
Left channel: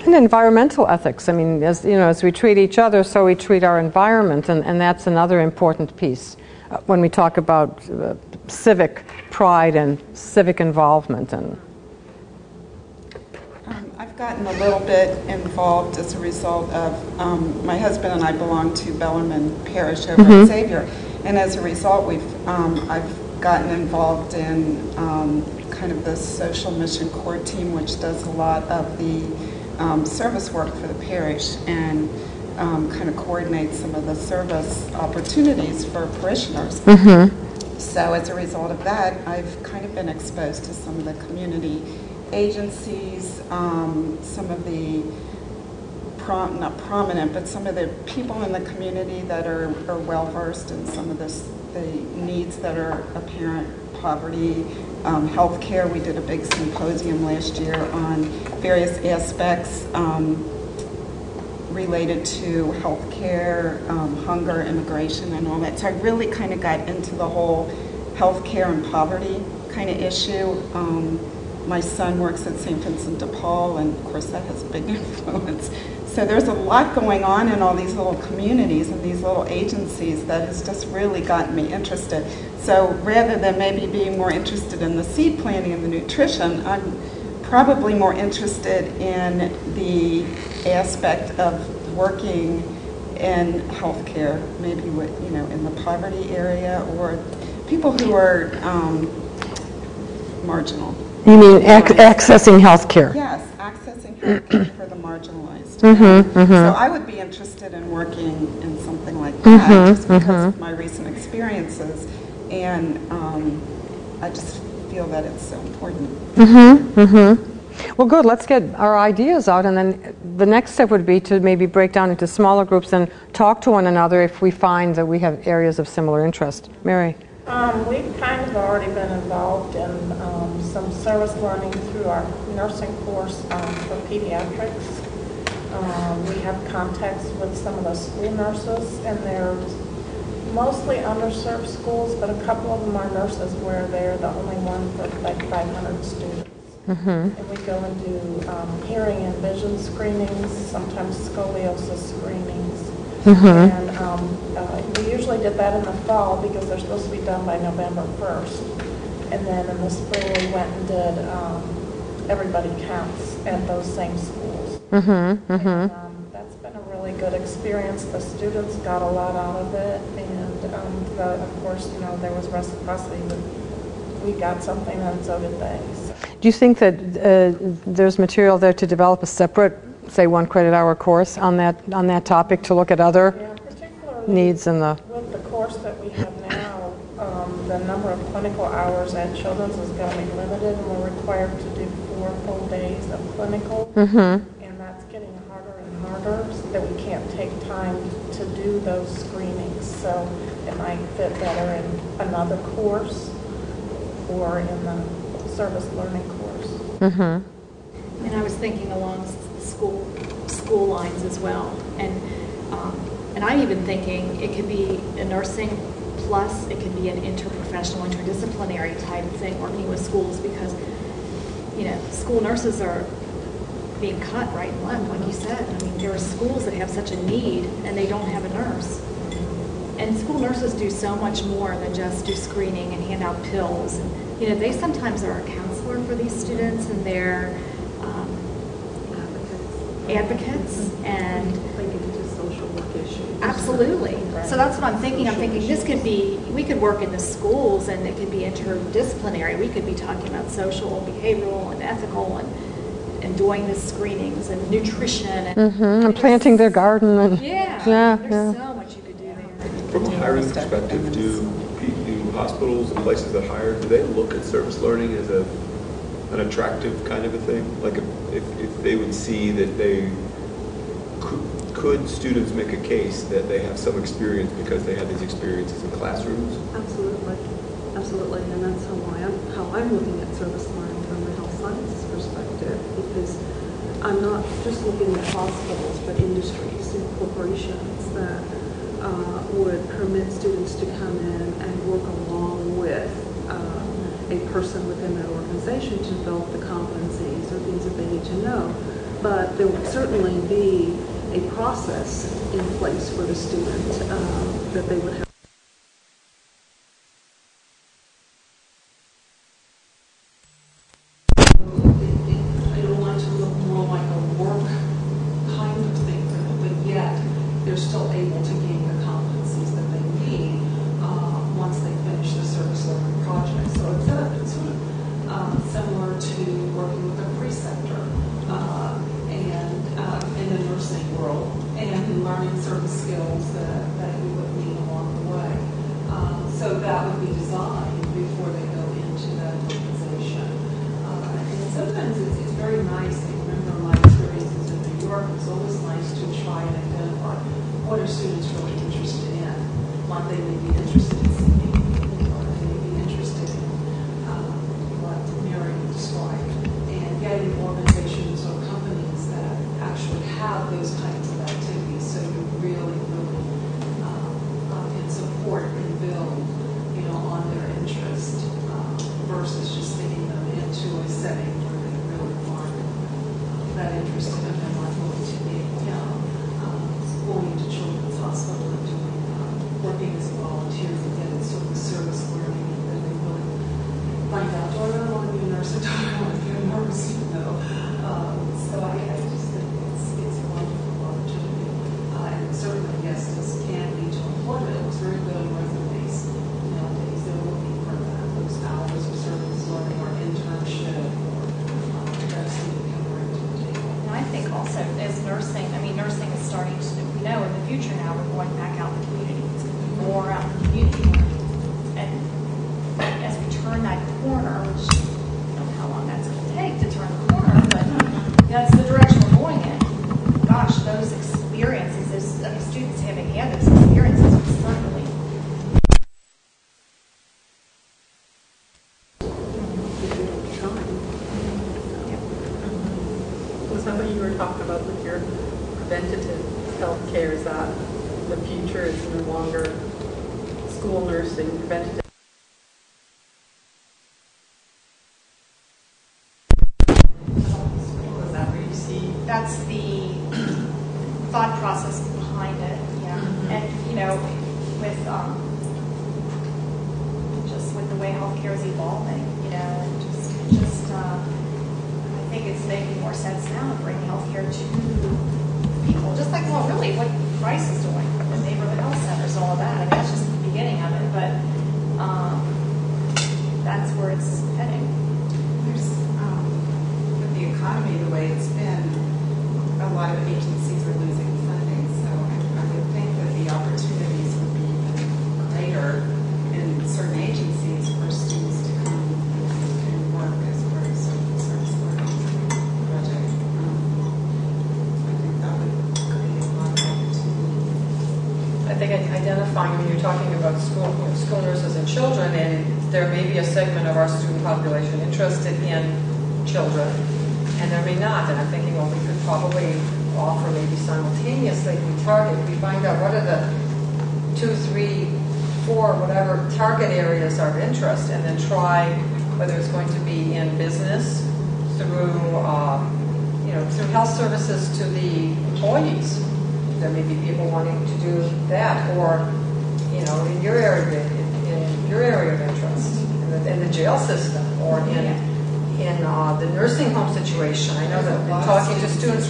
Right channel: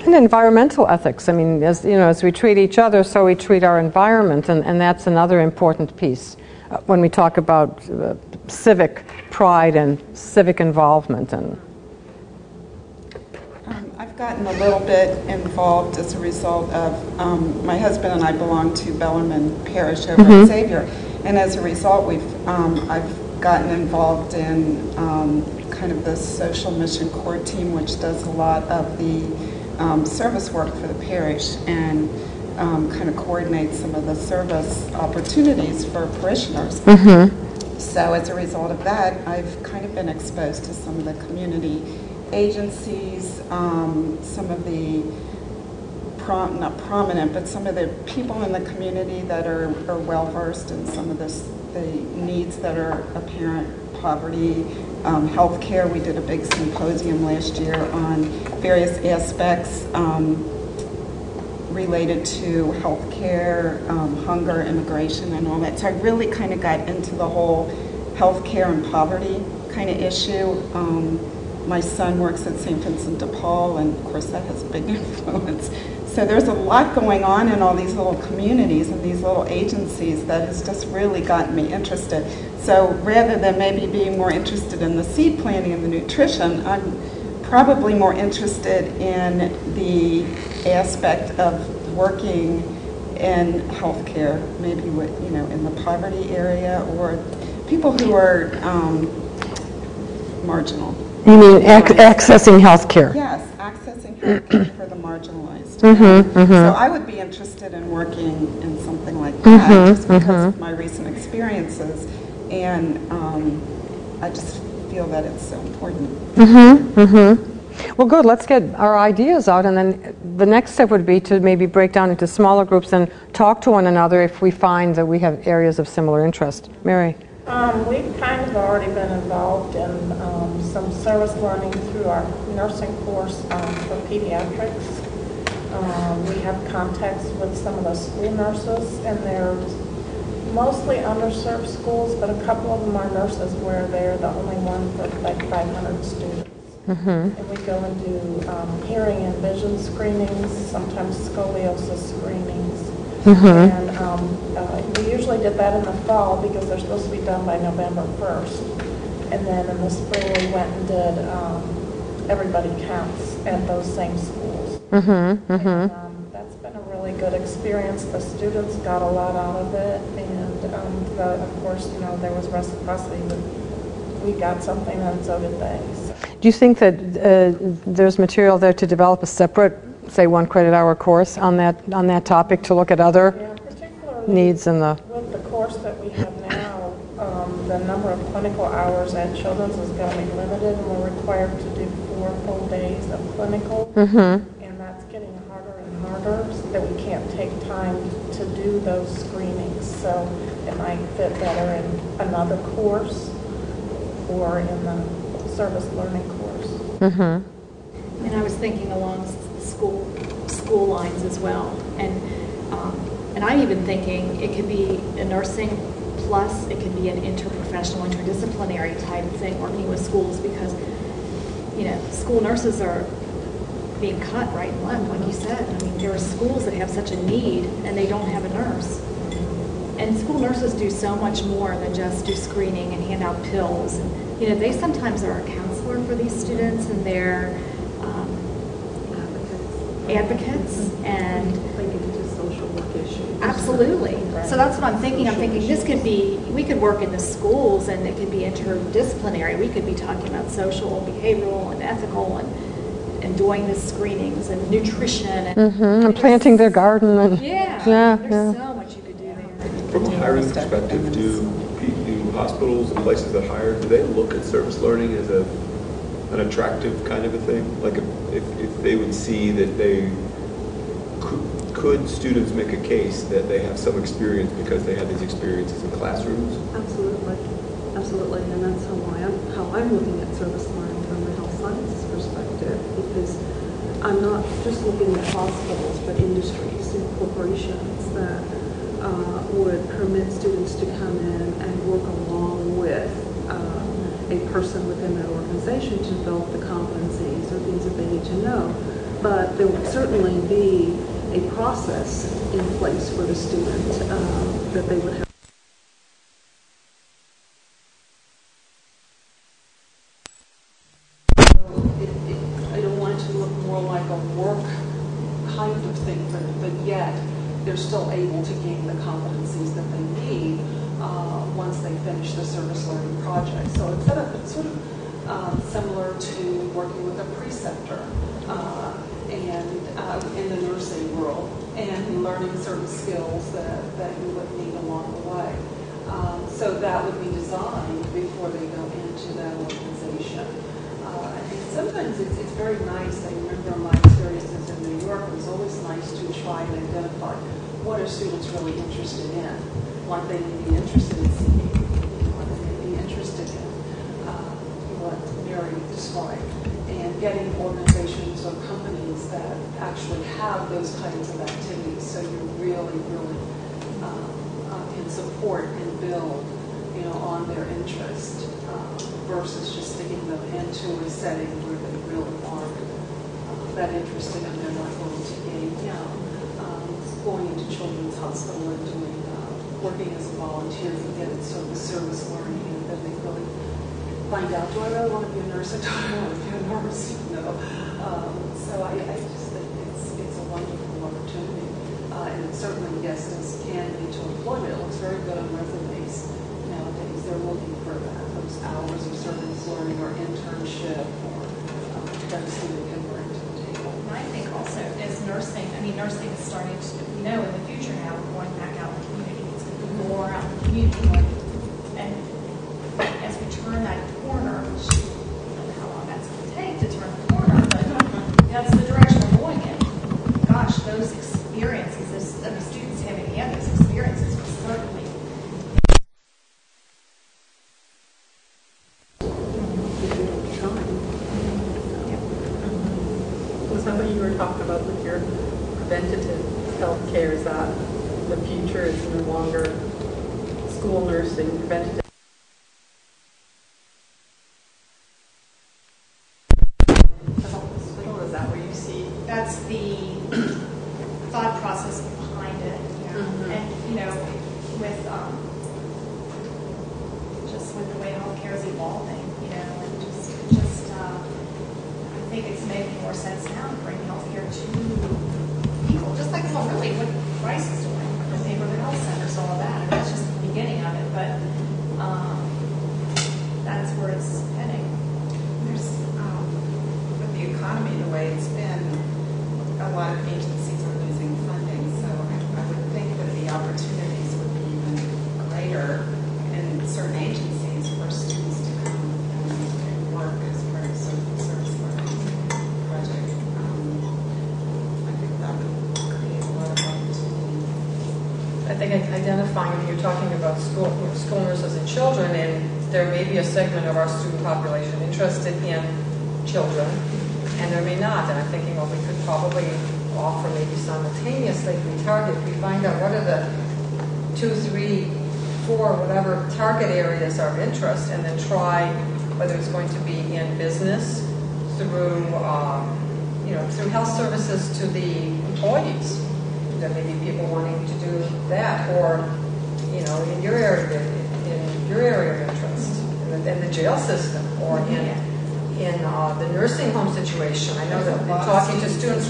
And environmental ethics. I mean, as you know, as we treat each other, so we treat our environment, and that's another important piece when we talk about civic pride and civic involvement. And I've gotten a little bit involved as a result of my husband and I belong to Bellarmine Parish over at Xavier, and as a result, I've gotten involved in kind of the social mission core team, which does a lot of the service work for the parish, and kind of coordinates some of the service opportunities for parishioners. So as a result of that, I've kind of been exposed to some of the community agencies, some of the, not prominent, but some of the people in the community that are well-versed in some of the needs that are apparent: poverty, healthcare. We did a big symposium last year on various aspects related to healthcare, hunger, immigration, and all that. So I really kind of got into the whole healthcare and poverty kind of issue. My son works at St. Vincent de Paul, and of course that has a big influence. So there's a lot going on in all these little communities and these little agencies that has just really gotten me interested. So rather than maybe being more interested in the seed planting and the nutrition, I'm probably more interested in the aspect of working in healthcare, maybe with, you know, in the poverty area, or people who are marginal. You mean accessing health care? Yes, accessing health care for the marginalized. So I would be interested in working in something like that, just because of my recent experiences, and I just feel that it's so important. Well, good. Let's get our ideas out, and then the next step would be to maybe break down into smaller groups and talk to one another if we find that we have areas of similar interest. Mary? We've kind of already been involved in some service learning through our nursing course for pediatrics. We have contacts with some of the school nurses, and they're mostly underserved schools, but a couple of them are nurses where they're the only one for like 500 students. And we go and do hearing and vision screenings, sometimes scoliosis screenings. And we usually did that in the fall because they're supposed to be done by November 1st. And then in the spring we went and did Everybody Counts at those same schools. And, that's been a really good experience. The students got a lot out of it, and of course, you know, there was reciprocity. We got something, and so did they. So. Do you think that there's material there to develop a separate, say, 1 credit hour course on that topic to look at other needs in the... With the course that we have now, the number of clinical hours at Children's is going to be limited, and we're required to do 4 full days of clinical, and that's getting harder and harder, so that we can't take time to do those screenings. So it might fit better in another course or in the service learning course. And I was thinking along school lines as well, and I'm even thinking it could be a nursing plus it could be an interprofessional, interdisciplinary type thing working with schools, because school nurses are being cut right and left, like you said. I mean, there are schools that have such a need and they don't have a nurse. And school nurses do so much more than just do screening and hand out pills. And, they sometimes are a counselor for these students, and they're advocates and they get into social work issues. Absolutely. So that's what I'm thinking. I'm thinking this could be, we could work in the schools and it could be interdisciplinary. We could be talking about social, behavioral, and ethical, and doing the screenings and nutrition. And planting their garden. And there's so much you could do there. From a hiring perspective, do hospitals and places that hire, do they look at service learning as an attractive kind of a thing? Like if they would see that they could students make a case that they have some experience because they had these experiences in classrooms? Absolutely, and that's how I'm looking at service learning from a health sciences perspective, because I'm not just looking at hospitals, but industries and corporations that would permit students to come in and work along with a person within that organization to develop the competencies or things that they need to know. But there would certainly be a process in place for the student that they would have. I don't want it to look more like a work kind of thing, but yet they're still able to gain the competencies that they need once they finish the service learning project. So it's sort of similar to working with a preceptor and in the nursing world, and learning certain skills that you would need along the way. So that would be designed before they go into that organization. And sometimes it's very nice. I remember my experiences in New York. It's always nice to try and identify what are students really interested in, what they may be interested in seeking, or they may be interested in what Mary described, and getting organizations or companies that actually have those kinds of activities, so you really can support and build, on their interest, versus just sticking them into a setting where they really aren't that interested and they're not going to gain, going into children's hospital and doing, working as a volunteer to get it sort of service learning, and then they really find out, do I really want to be a nurse or do I want to be a nurse? So I just think it's a wonderful opportunity. And certainly, yes, this can lead to employment. It looks very good on resumes nowadays. They're looking for those hours of service learning or internship or that a student can bring to the table. And I think also as nursing, nursing is starting to, in the future now we're going back out in the community. It's going to be more out in the community. And as we turn that corner, which I don't know how long that's going to take to turn the corner, but that's the direction we're going in. Gosh, those experiences, students having had those experiences would certainly. Was that what you were talking about with your preventative health care? Is that the future is no longer school nursing, preventative? Is that where you see? That's the thought process behind it, And with just with the way healthcare is evolving, and just I think it's making more sense now to bring healthcare to people, just like really what Rice is doing with the neighborhood health centers, all of that. That's just the beginning of it, but that's where it's heading. There's with the economy the way it's been, a lot of agencies are losing funding, so I would think that the opportunities would be even greater in certain agencies for students to come and work as part of some service learning project. I think identifying, I mean, you're talking about school, school nurses and children, and there may be a segment of our student population interested in children, and there may not. And I'm thinking, well, we could probably offer maybe simultaneously, if we find out what are the 2, 3, 4, whatever target areas are of interest, and then try whether it's going to be in business, through through health services to the employees. There may be people wanting to do that, or in your area of interest, in the jail system, or in the nursing home situation. I know that talking to students.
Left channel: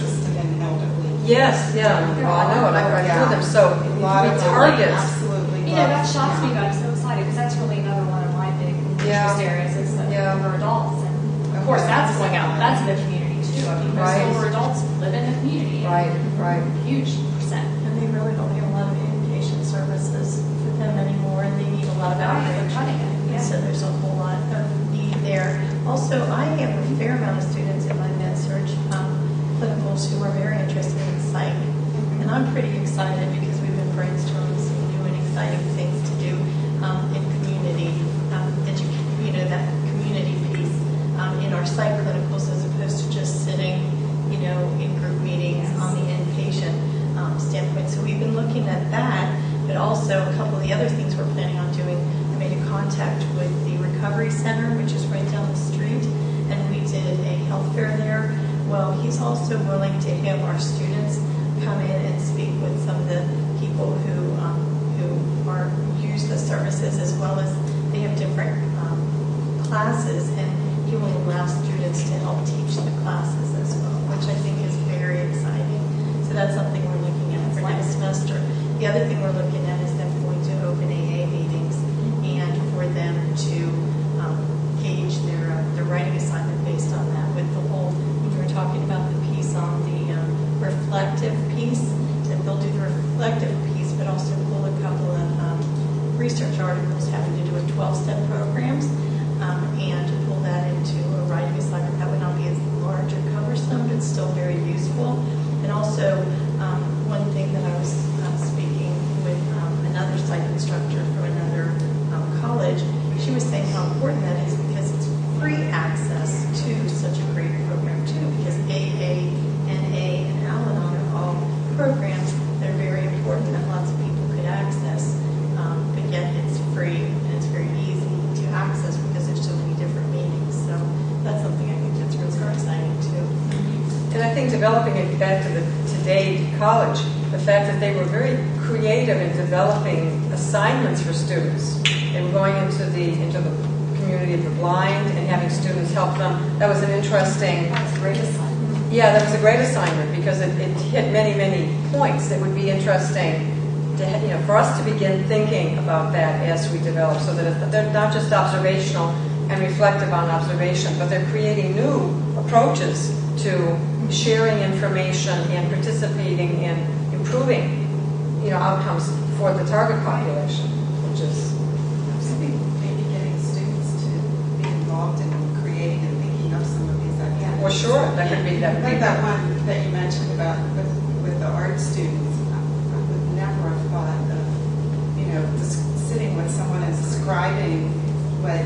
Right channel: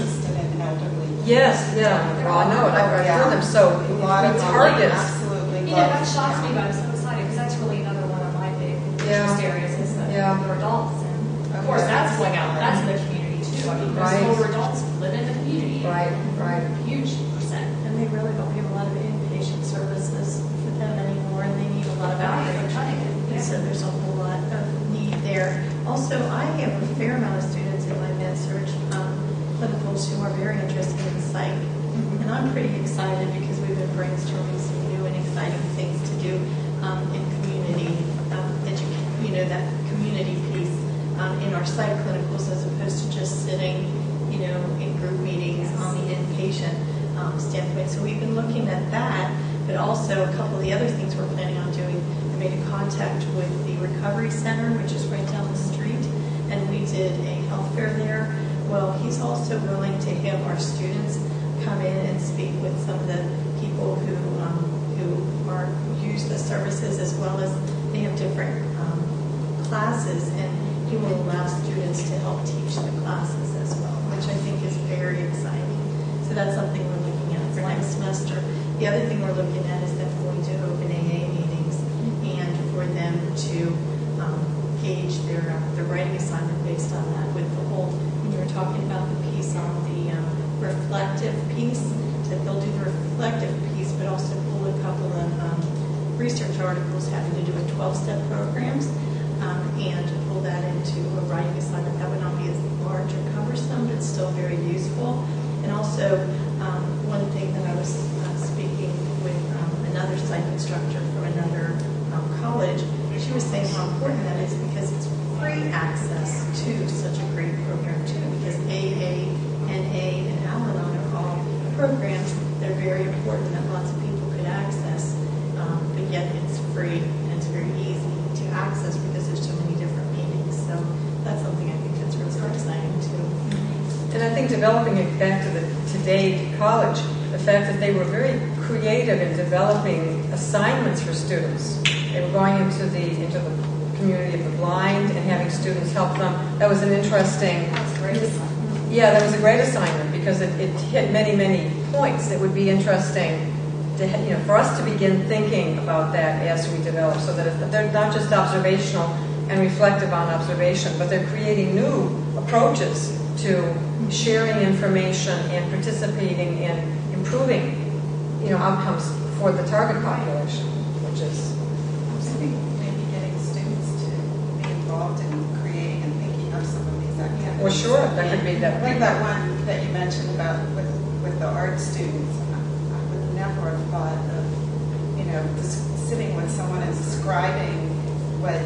Yes, yeah. Well, I know it. I've heard them. So we target. Absolutely. That shocks me, but I'm so excited because that's really another one of my big interest areas is the older adults, and of course that's going out. That's in the community too. I mean, most older adults live in the community. Right. Huge percent. And they really don't have a lot of inpatient services for them anymore, and they need a lot of outreach. They're cutting it. And so there's a whole lot of need there. Also, I have a fair amount of students in my med-surg clinicals who are very interested in psych. And I'm pretty excited because we've been brainstorming some new and exciting things to do in community that community piece in our psych clinicals, as opposed to just sitting, in group meetings on the inpatient standpoint. So we've been looking at that, but also a couple of the other things we're planning on doing. I made a contact with the Recovery Center, which is right down the street, and we did a health fair there. Well, he's also willing to have our students come in and speak with some of the people who use the services, as well as they have different classes, and he will allow students to help teach the classes as well, which I think is very exciting. So that's something we're looking at for next semester. The other thing we're looking at is them going to open AA meetings, and for them to gauge their writing assignment based on that. With the whole, when you were talking about the piece on the reflective piece, that they'll do the reflective piece, but also pull a couple of research articles having to do with 12-step programs, and to pull that into a writing assignment. That would not be as large or cumbersome, but still very useful. And also, one thing that I was speaking with another psych instructor from another college, she was saying how important that is because it's free access to such a great program too, because AA, NA, and Al-Anon are all programs that are very important that lots of people could access, but yet it's free and it's very easy to access because there's so many different meetings. So that's something I think that's really exciting too. And I think developing it back to today college, the fact that they were very creative in developing assignments for students. They were going into the community of the blind and having students help them. That was an interesting. That was a great assignment. Yeah, that was a great assignment because it hit many, many points that would be interesting to, for us to begin thinking about that as we develop, so that they're not just observational and reflective on observation, but they're creating new approaches to sharing information and participating in improving, outcomes for the target population, which is maybe getting students to be involved in creating and thinking of some of these activities. Well, sure, that could be that. Like that one that you mentioned about with the art students, I would never have thought of, just sitting with someone and describing what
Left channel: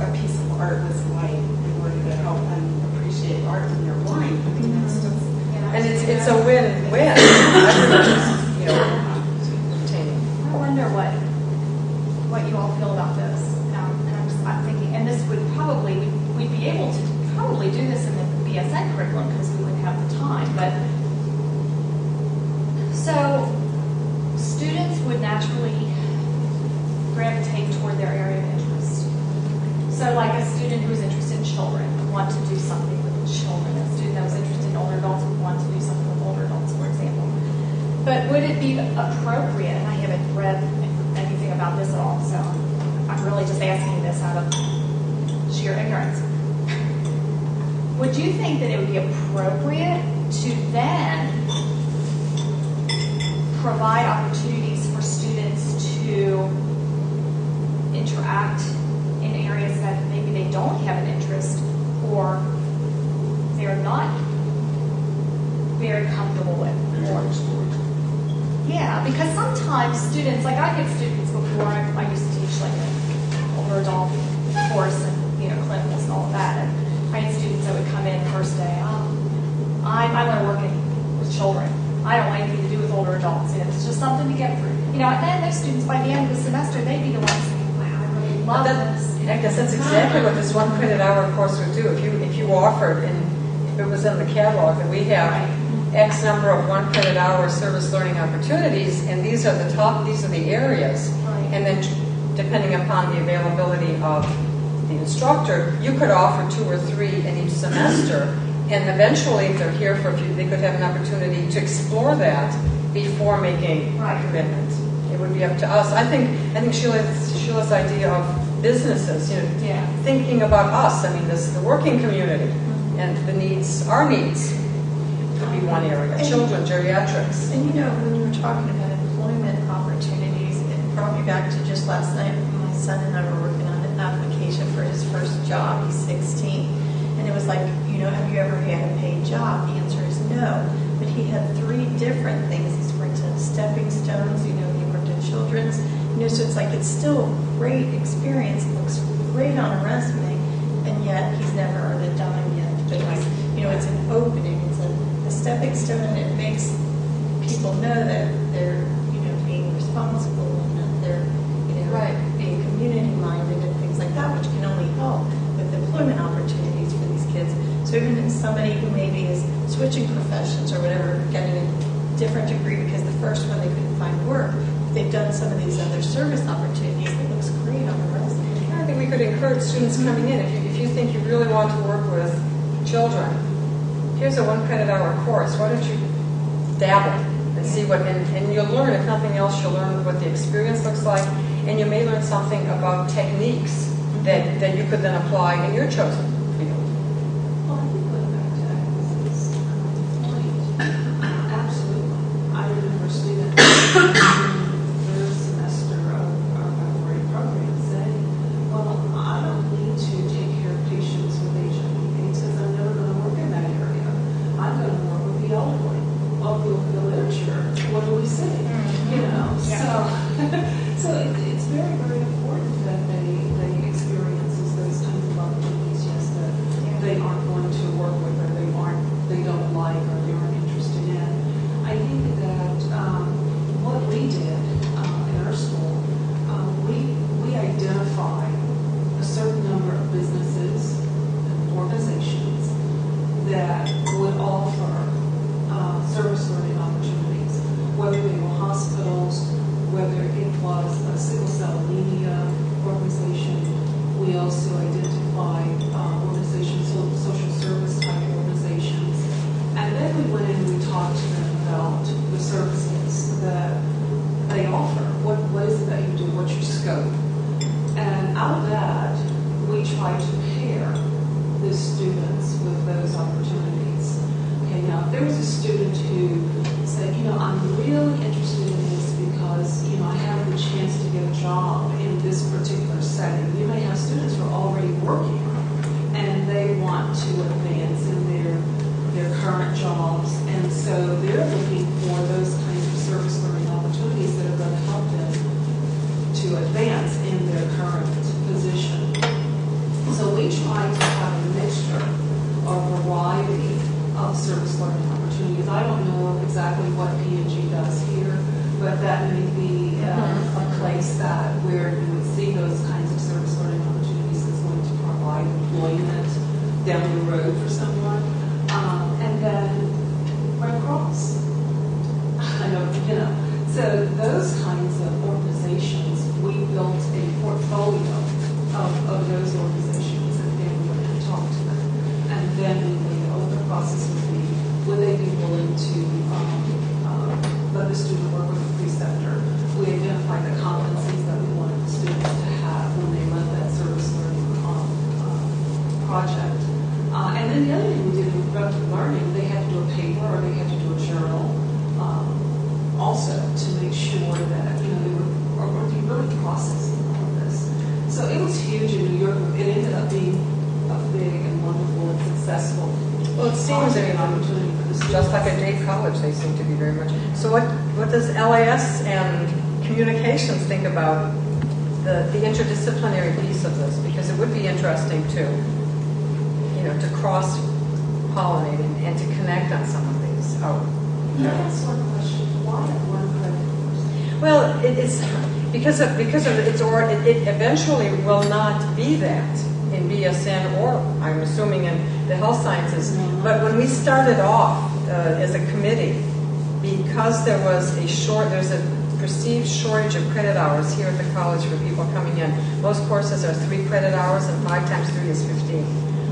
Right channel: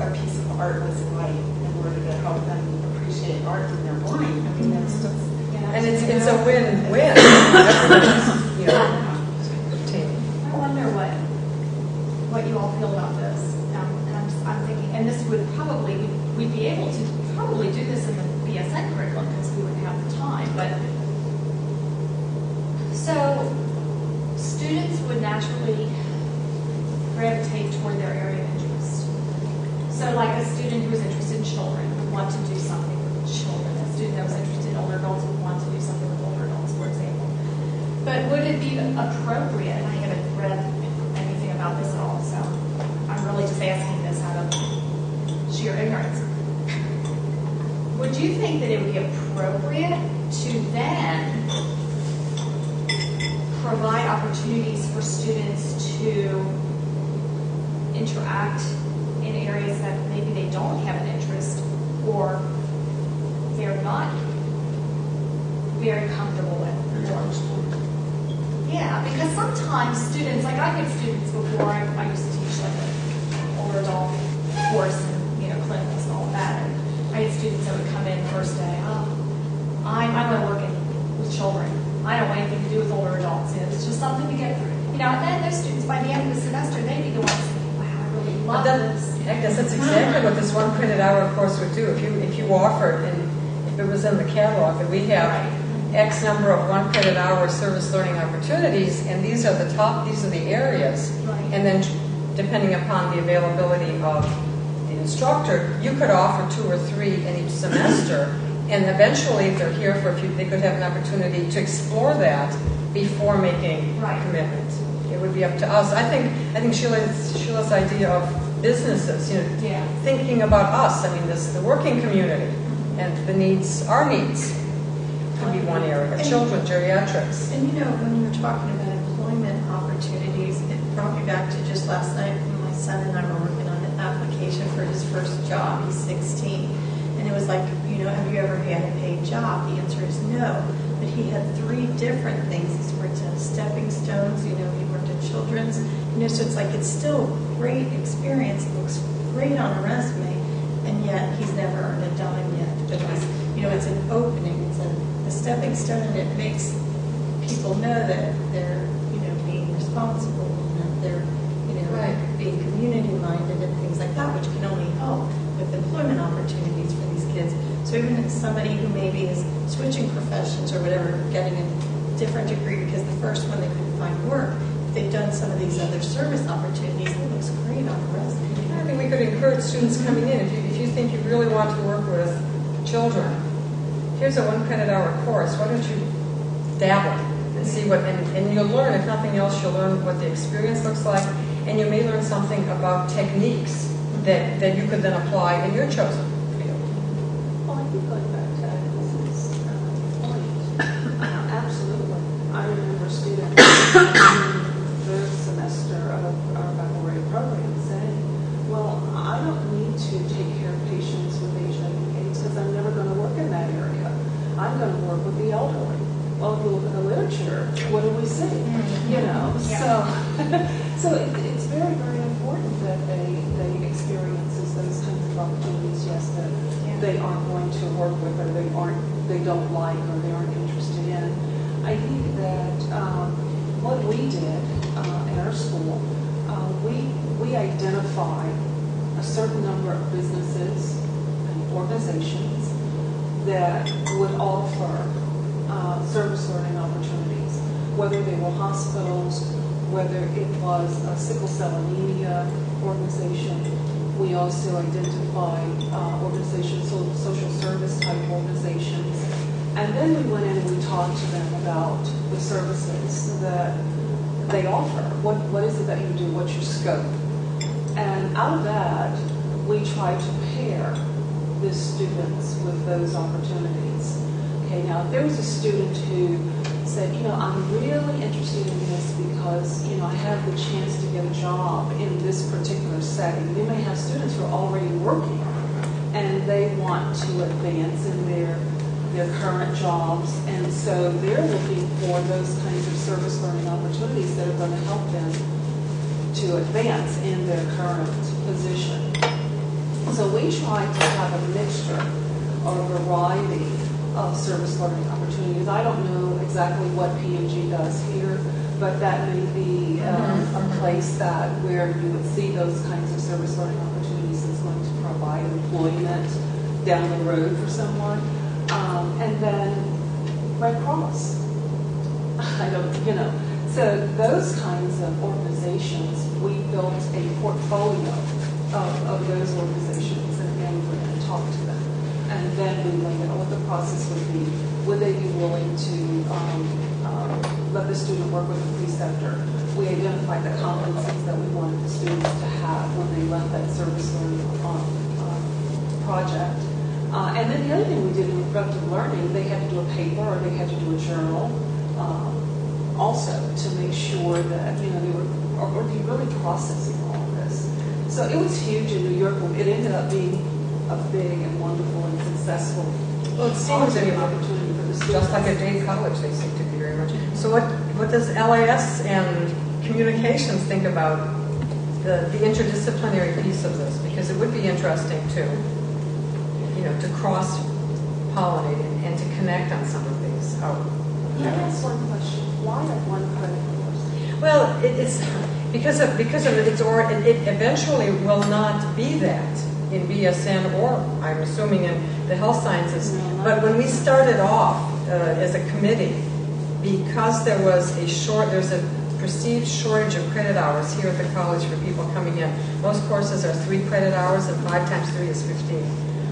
a piece of art was like in order to help them appreciate art when they're blind. I mean, that's just. And it's a win-win. Everybody's, obtaining. I wonder what you all feel about this. And I'm thinking, and this would probably, we'd be able to probably do this in the BSN curriculum because we would have the time. But so students would naturally gravitate toward their area of interest. So like a student who's interested in children would want to do something with children. A student that was interested in older adults would want to do something with older adults, for example. But would it be appropriate, and I haven't read anything about this at all, so I'm really just asking this out of sheer ignorance. Would you think that it would be appropriate to then provide opportunities for students to interact in areas that maybe they don't have an interest or they're not very comfortable with? Yeah, because sometimes students, like I had students before, I used to teach like an older adult course and, clinicals and all of that, and I had students that would come in the first day, I want to work with children. I don't want anything to do with older adults. It's just something to get through. And then those students, by the end of the semester, they'd be the ones saying, wow, I really love this. I guess that's exactly what this 1 credit hour course would do. If you offered, and if it was in the catalog that we have, X number of 1 credit hour service learning opportunities, and these are the areas, and then depending upon the availability of the instructor, you could offer 2 or 3 in each semester, and eventually, if they're here for a few, they could have an opportunity to explore that before making a commitment. It would be up to us. I think Sheila's idea of businesses, thinking about us. I mean, the working community and the needs, our needs, could be one area. Children, geriatrics. And when you were talking about employment opportunities, it brought me back to just last night when my son and I were working on an application for his first job. He's 16. And it was like, have you ever had a paid job? The answer is no. But he had 3 different things. He's worked at Stepping Stones, he worked at Children's. So it's like it's still a great experience. It looks great on a resume, and yet he's never earned a dime yet. But it's an opening. It's a stepping stone, and it makes people know that they're, being responsible and that they're, being community-minded and things like that, which can only help with employment opportunities for these kids. So even if somebody who maybe is switching professions or whatever, getting a different degree because the first one they couldn't find work, if they've done some of these other service opportunities, it looks great on the resume. I think we could encourage students coming in. If you think you really want to work with children, here's a 1 credit hour course. Why don't you dabble and see what, and you'll learn, if nothing else, you'll learn what the experience looks like, and you may learn something about techniques that you could then apply in your chosen field. Well, I think going back to Agnes's point, absolutely. I remember students in the first semester of our baccalaureate program saying, well, I don't need to take care of patients with HIV/AIDS because I'm never going to work in that area. I'm going to work with the elderly. Well, if we look at the literature, what do we see? So it's very, very important that they experiences those kinds of opportunities. Yes, that they aren't going to work with, or they don't like, or they aren't interested in. I think that what we did in our school, we identified a certain number of businesses and organizations that would offer service learning opportunities, whether they were hospitals, whether it was a sickle cell anemia organization. We also identified organizations, social service type organizations. And then we went in and we talked to them about the services that they offer. What is it that you do? What's your scope? And out of that, we tried to pair the students with those opportunities. Okay, now if there was a student who said, I'm really interested in this because, I have the chance to get a job in this particular setting. You may have students who are already working and they want to advance in their current jobs, and so they're looking for those kinds of service learning opportunities that are going to help them to advance in their current position. So we try to have a mixture or variety of service learning opportunities. I don't know exactly what P&G does here, but that may be a place where you would see those kinds of service learning opportunities is going to provide employment down the road for someone. And then Red Cross. So those kinds of organizations, we built a portfolio of those organizations, and then we went and talked to them. And then we laid out what the process would be. Would they be willing to let the student work with a preceptor? We identified the competencies that we wanted the students to have when they left that service learning project. And then the other thing we did with productive learning, they had to do a paper or they had to do a journal also to make sure that they were really processing all of this. So it was huge in New York. It ended up being a big and wonderful and successful Well, it seems opportunity for the students. just like at Dade College, they seem to be very much. So what LAS and communications think about the interdisciplinary piece of this? Because it would be interesting to cross-pollinate and to connect on some of these. Can I ask one question? Why a one credit course? Well, it's because of it eventually will not be that in BSN or I'm assuming in the health sciences. But when we started off as a committee, because there's a perceived shortage of credit hours here at the college for people coming in. Most courses are 3 credit hours, and 5 times 3 is 15.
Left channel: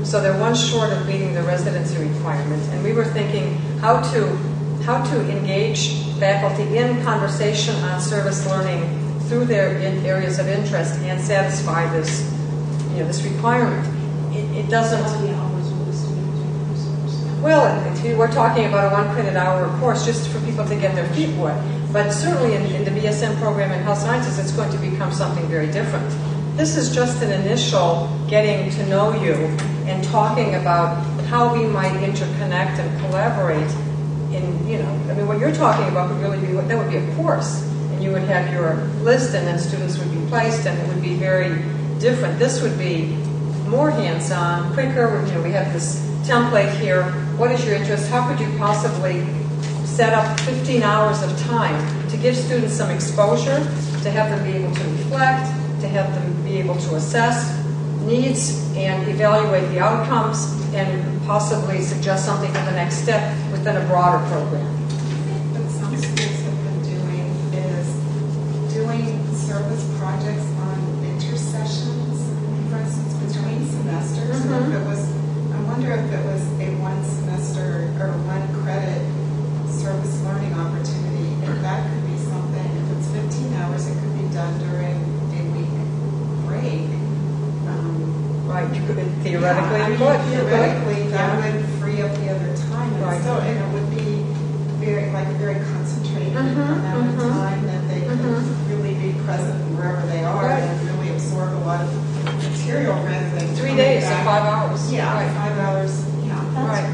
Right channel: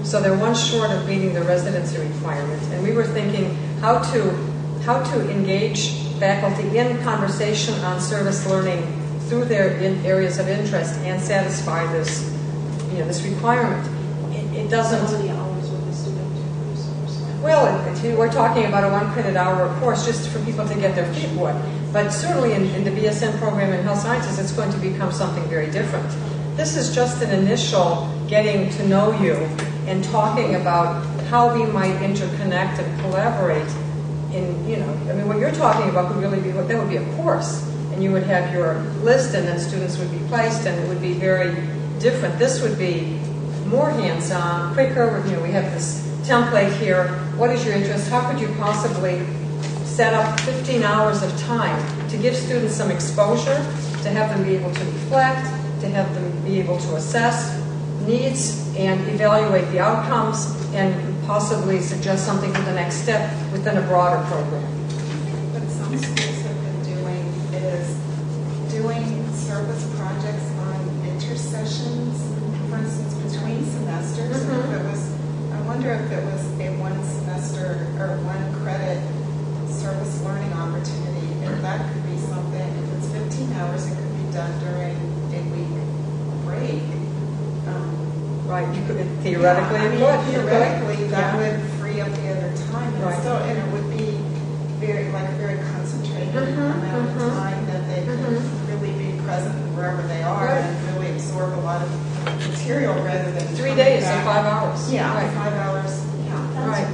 So they're one short of meeting the residency requirement. And we were thinking how to engage faculty in conversation on service learning through their areas of interest and satisfy this requirement. It doesn't. How many hours would the student do for this course? Well, we're talking about a 1 credit hour course just for people to get their feet wet. But certainly in the BSN program in health sciences, it's going to become something very different. This is just an initial getting to know you and talking about how we might interconnect and collaborate what you're talking about would really be, that would be a course. And you would have your list and then students would be placed and it would be very different. This would be more hands-on, quicker. We have this template here. What is your interest? How could you possibly set up 15 hours of time to give students some exposure, to have them be able to reflect, to have them be able to assess needs and evaluate the outcomes and possibly suggest something for the next step within a broader program. What some schools have been doing is doing service projects on intersessions, for instance, between semesters. And I wonder if it was a 1 semester or 1 credit service learning opportunity, if that could be something. If it's 15 hours, it could be done during a week break. Right, you could theoretically. Theoretically, that would free up the other time, and it would be very concentrated amount of time that they could really be present wherever they are and really absorb a lot of material rather than 3 days and 5 hours. Yeah, 5 hours. Yeah,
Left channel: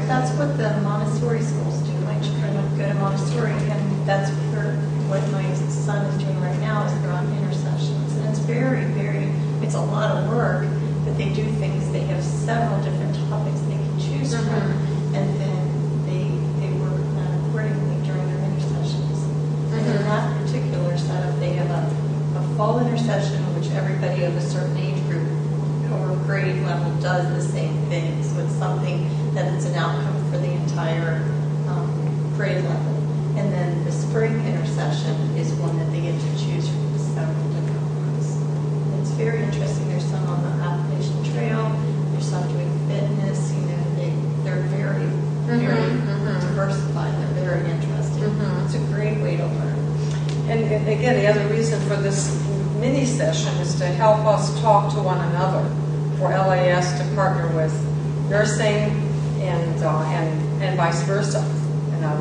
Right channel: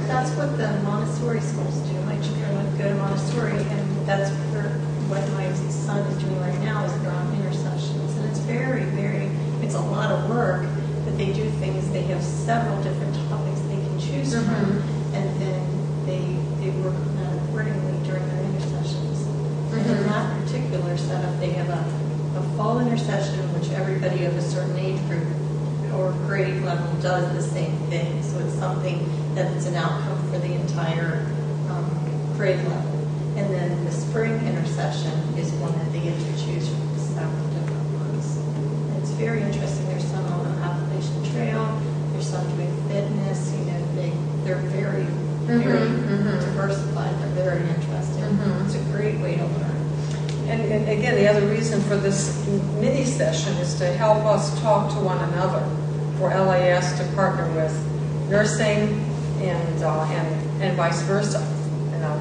That's what the Montessori schools do. My children would go to Montessori, and that's what my son is doing right now. Is they're on intercessions, and it's it's a lot of work. But they do things. They have several different topics they can choose from, and then they work on that accordingly during their intercessions. And in that particular setup, they have a fall intercession, which everybody of a certain age group or grade level does the same thing. So it's something that it's an outcome for the entire grade level. And then the spring intercession is one that they get to choose from several different ones. And it's very interesting. There's some on the Appalachian Trail. There's some doing fitness. They're very diversified. They're very interesting. It's a great way to learn. And again, the other reason for this mini session is to help us talk to one another, for LAS to partner with nursing and vice versa. And there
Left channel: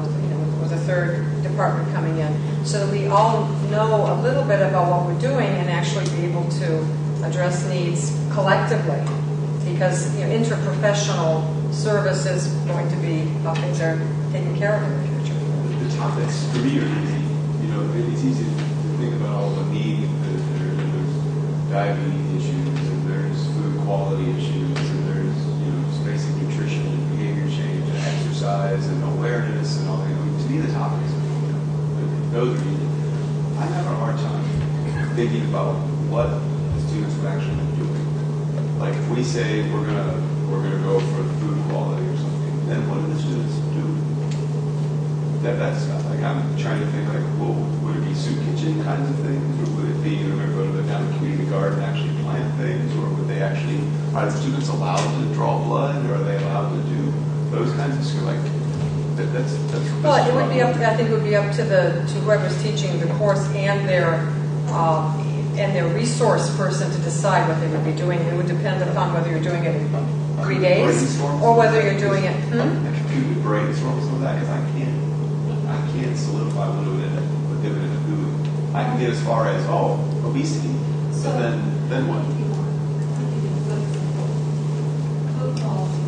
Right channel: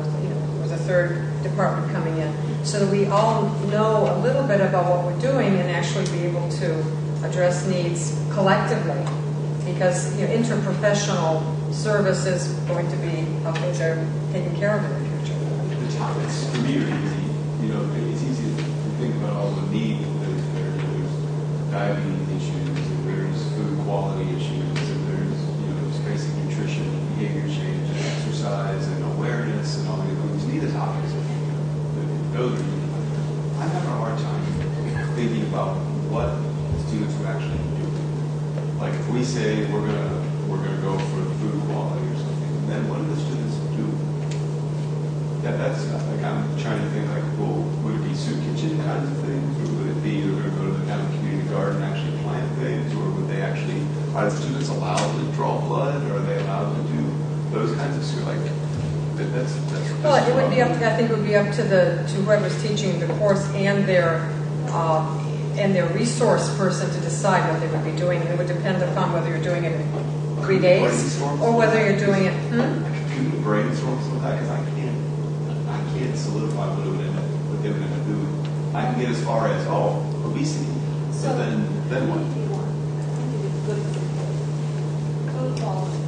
was a third department coming in, so that we all know a little bit about what we're doing and actually be able to address needs collectively. Because interprofessional service is going to be how things are taken care of in the future. The topics for me are easy. It's easy to think about all the needs. There's diabetes issues, and there's food quality issues, and there's just basic nutrition and behavior change and exercise and awareness and all these things. To me, the topics those are easy. I have a hard time thinking about what the students would actually be doing. Like if we say we're gonna go for food quality or something, then what do the students do? That's like I'm trying to think like, well, would it be soup kitchen kinds of things, or would it be they're going to go down the community garden and actually plant things, or would they actually are the students allowed to draw blood, or are they allowed to do those kinds of stuff? Like that's well, it would be up. I think it would be up to whoever's teaching the course and their resource person to decide what they would be doing. It would depend upon whether you're doing it in 3 days or whether you're doing it. Can we brainstorm some of that? Because I can't solidify what they would end up doing. I can get as far as obesity. So then what? Code quality.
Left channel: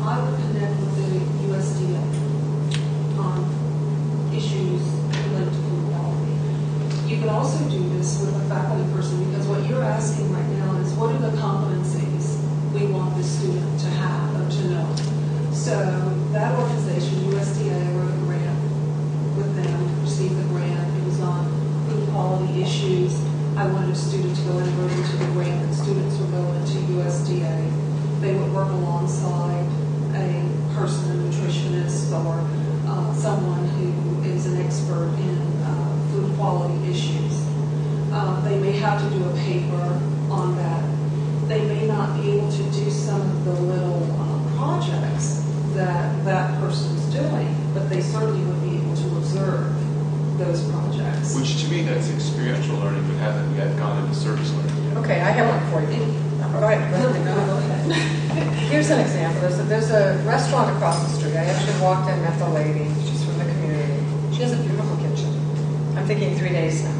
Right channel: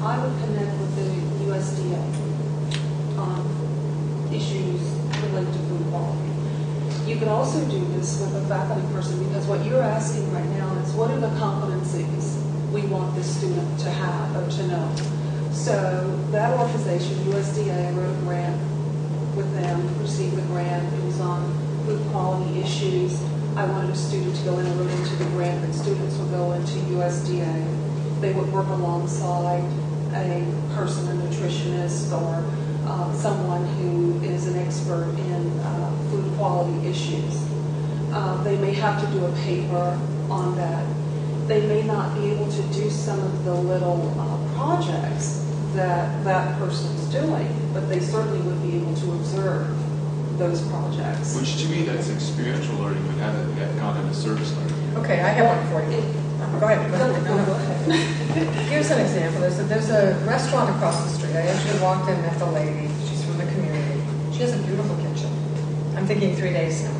I would connect with the USDA. issues related to food quality. You can also do this with a faculty person, because what you're asking right now is what are the competencies we want the student to have or to know. So that organization, USDA, I wrote a grant with them, received the grant. It was on food quality issues. I wanted a student to go in and wrote into the grant that students would go into USDA. They would work alongside a person, a nutritionist, or someone who is an expert in food quality issues. They may have to do a paper on that. They may not be able to do some of the little projects that that person's doing, but they certainly would be able to observe those projects. Which to me, that's experiential learning, but hasn't yet gone into service learning. Okay, I have one for you. Go ahead. Go ahead. Here's an example. There's a restaurant across the street. I actually walked in and met the lady. She's from the community. She has a beautiful kitchen. I'm thinking 3 days now.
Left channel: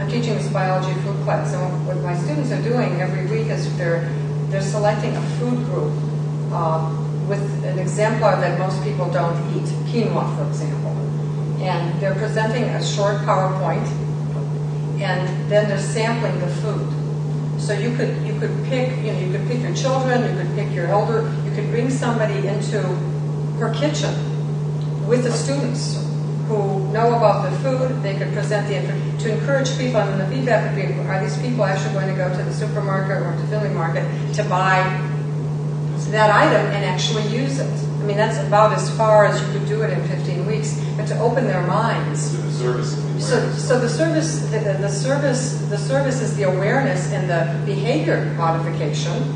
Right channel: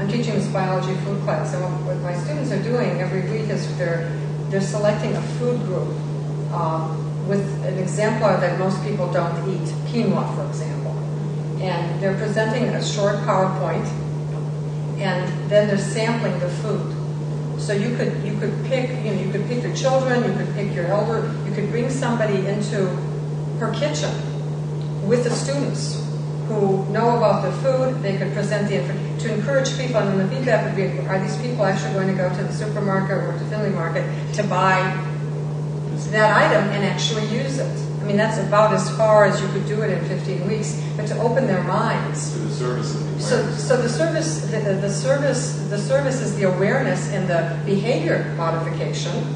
I'm teaching this biology food class, and what my students are doing every week is they're selecting a food group with an exemplar that most people don't eat, quinoa, for example. And they're presenting a short PowerPoint, and then they're sampling the food. So you could pick, you could pick your children, you could pick your elder, you could bring somebody into her kitchen with the students who know about the food. They could present the information to encourage people, and then the feedback would be, are these people actually going to go to the supermarket or to Finley Market to buy that item and actually use it? I mean, that's about as far as you could do it in 15 weeks, but to open their minds. So the service is the awareness. So the service is the awareness and the behavior modification.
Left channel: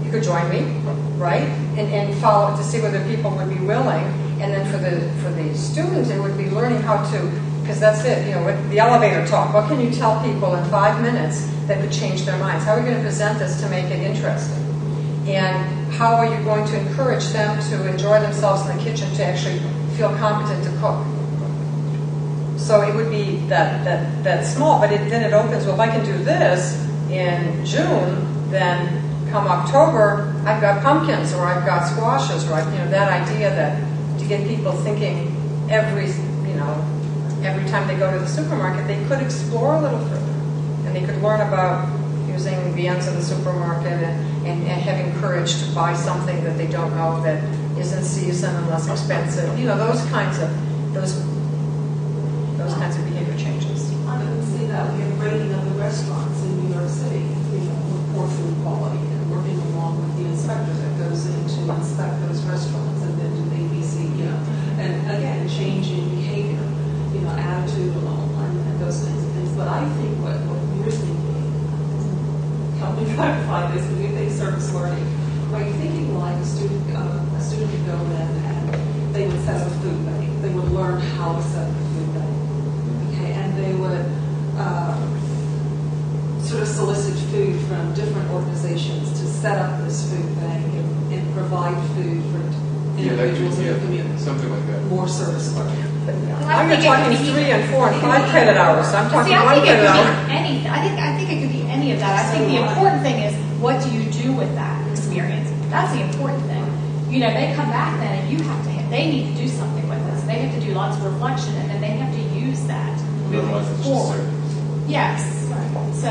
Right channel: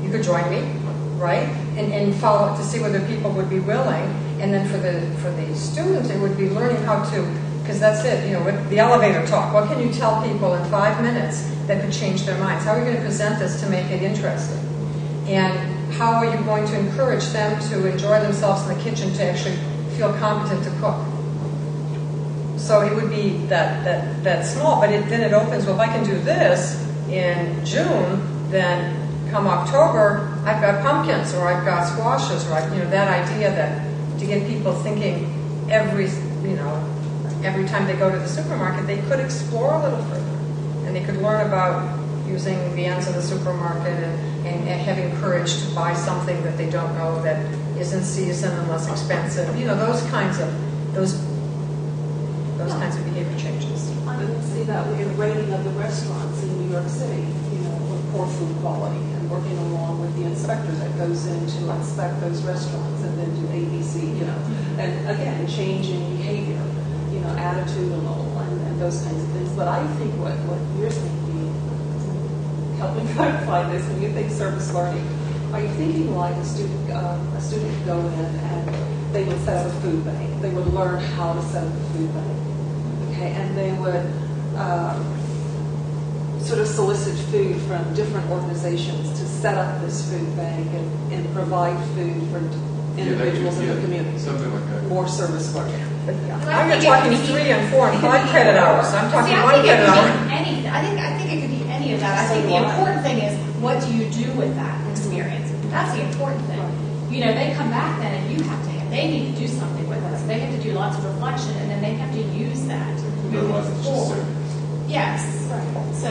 You could join me, right? And follow to see whether people would be willing. And then for the students, it would be learning how to, because that's it, with the elevator talk. What can you tell people in 5 minutes that could change their minds? How are we going to present this to make it interesting? And how are you going to encourage them to enjoy themselves in the kitchen, to actually feel competent to cook? So it would be that small, but then it opens, well, if I can do this in June, then come October, I've got pumpkins, or I've got squashes, or that idea that to get people thinking every time they go to the supermarket, they could explore a little further, and they could learn about using the ends of the supermarket and having courage to buy something that they don't know that is in season and less expensive. Those kinds of behavior changes. I can see that we have rating of the restaurants in New York City, for food quality, and working along with the inspector that goes in to inspect those restaurants and then do ABC, and again, changing behavior, attitudinal and those kinds of things. But I think what you're thinking, help me clarify this, when you think service learning, are you thinking like a student would go in and they would set up a food bank, they would learn how to set up a food bank, okay, and they would sort of solicit food from different organizations to set up this food bank and provide food for individuals in the community. Something like that. More service learning. Now you're talking 3 and 4 and 5 credit hours. I'm talking 1 credit hour. I think it could be any of that. I think the important thing is, what do you do with that experience? That's the important thing. They come back then, and they need to do something with this. They have to do lots of reflection, and then they have to use that. Otherwise, it's just service. Yes. So,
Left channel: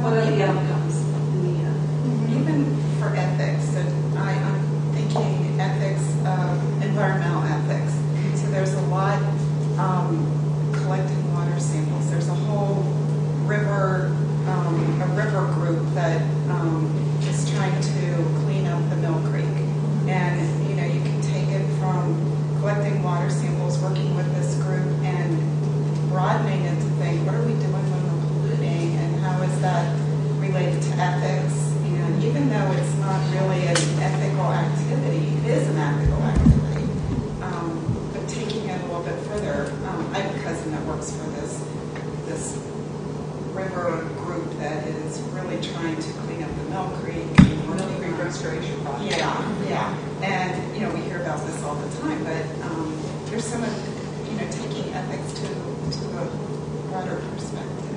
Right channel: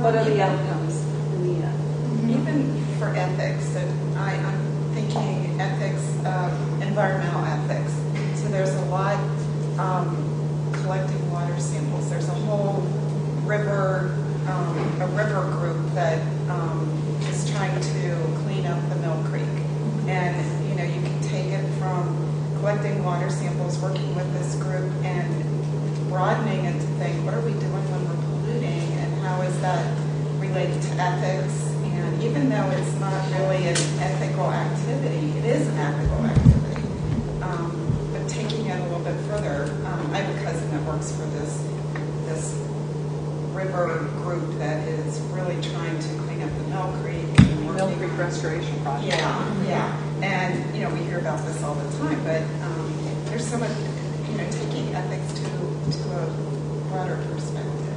what are the outcomes in the end? Even for ethics, I'm thinking ethics, environmental ethics. So there's a lot collecting water samples. There's a whole river group that is trying to clean up the Mill Creek. And, you can take it from collecting water samples, working with this group, and broadening it to think, what are we doing when we're polluting, and how is that related to ethics? And even though it's not really an ethical activity, it is an ethical activity. But taking it a little bit further, I have a cousin that works for this river group that is really trying to clean up the Mill Creek. Mill Creek Restoration Project. Yeah. And, we hear about this all the time, but there's so much, taking ethics to a broader perspective.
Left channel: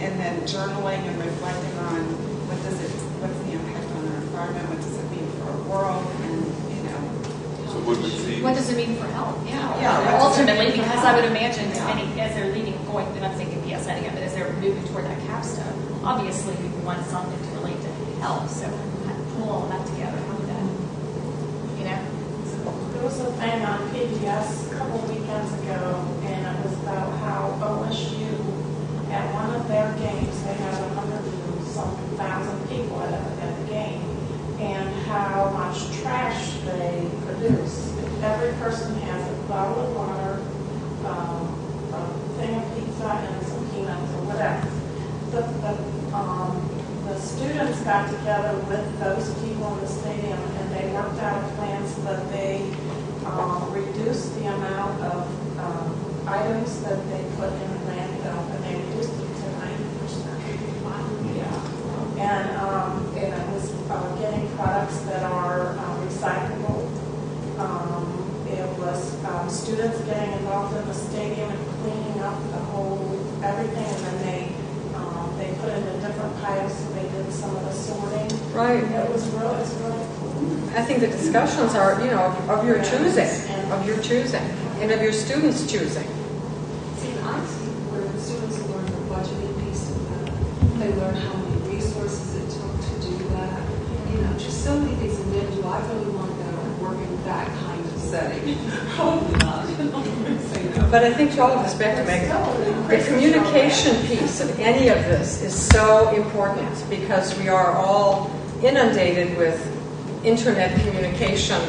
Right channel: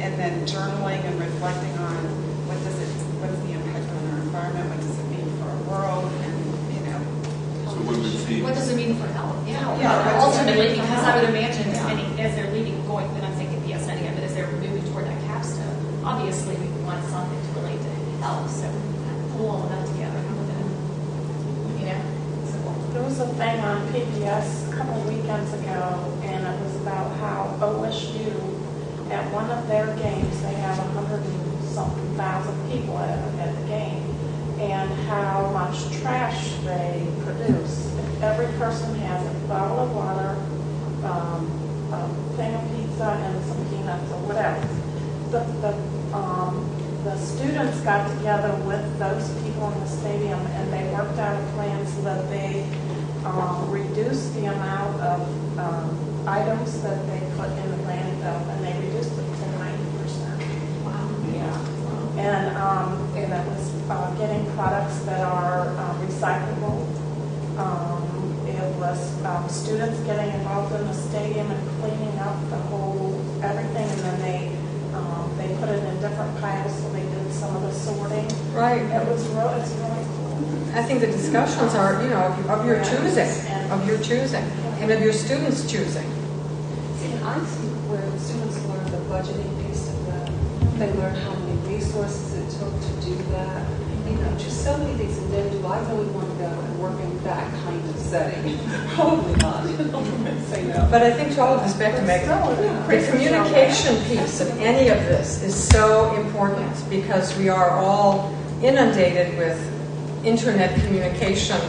And then journaling and reflecting on what's the impact on our environment, what does it mean for our world, and, So would we see what does it mean for health? Yeah. Yeah. Ultimately, because I would imagine as they're leading, going, and I'm thinking BSN again, but as they're moving toward that capstone, obviously we want something to relate to health. So pull all of that together. How would that, you know? There was a thing on PBS a couple weekends ago, and it was about how OSU, at one of their games, they have 100-something thousand people at the game, and how much trash they produce. If every person has a bottle of water, a thing of pizza, and some peanuts or whatever. The students got together with those people in the stadium, and they worked out a plan so that they reduced the amount of items that they put in the landfill, and they reduced it to 90%. Wow. Yeah. And it was getting products that are recyclable. It was students getting involved in the stadium and cleaning up the whole everything, and then they put it in different piles, so they did some of the sorting. Right. It's really cool. I think the discussions are, of your choosing, and of your students choosing. See, and I see where the students learn the budgeting piece of that. They learn how many resources it took to do that. Just so many things. And then, do I really want to go and work in that kind of setting? Probably not. Say no. But I think to all of this, back to Megan, the communication piece of any of this is so important because we are all inundated with internet communication,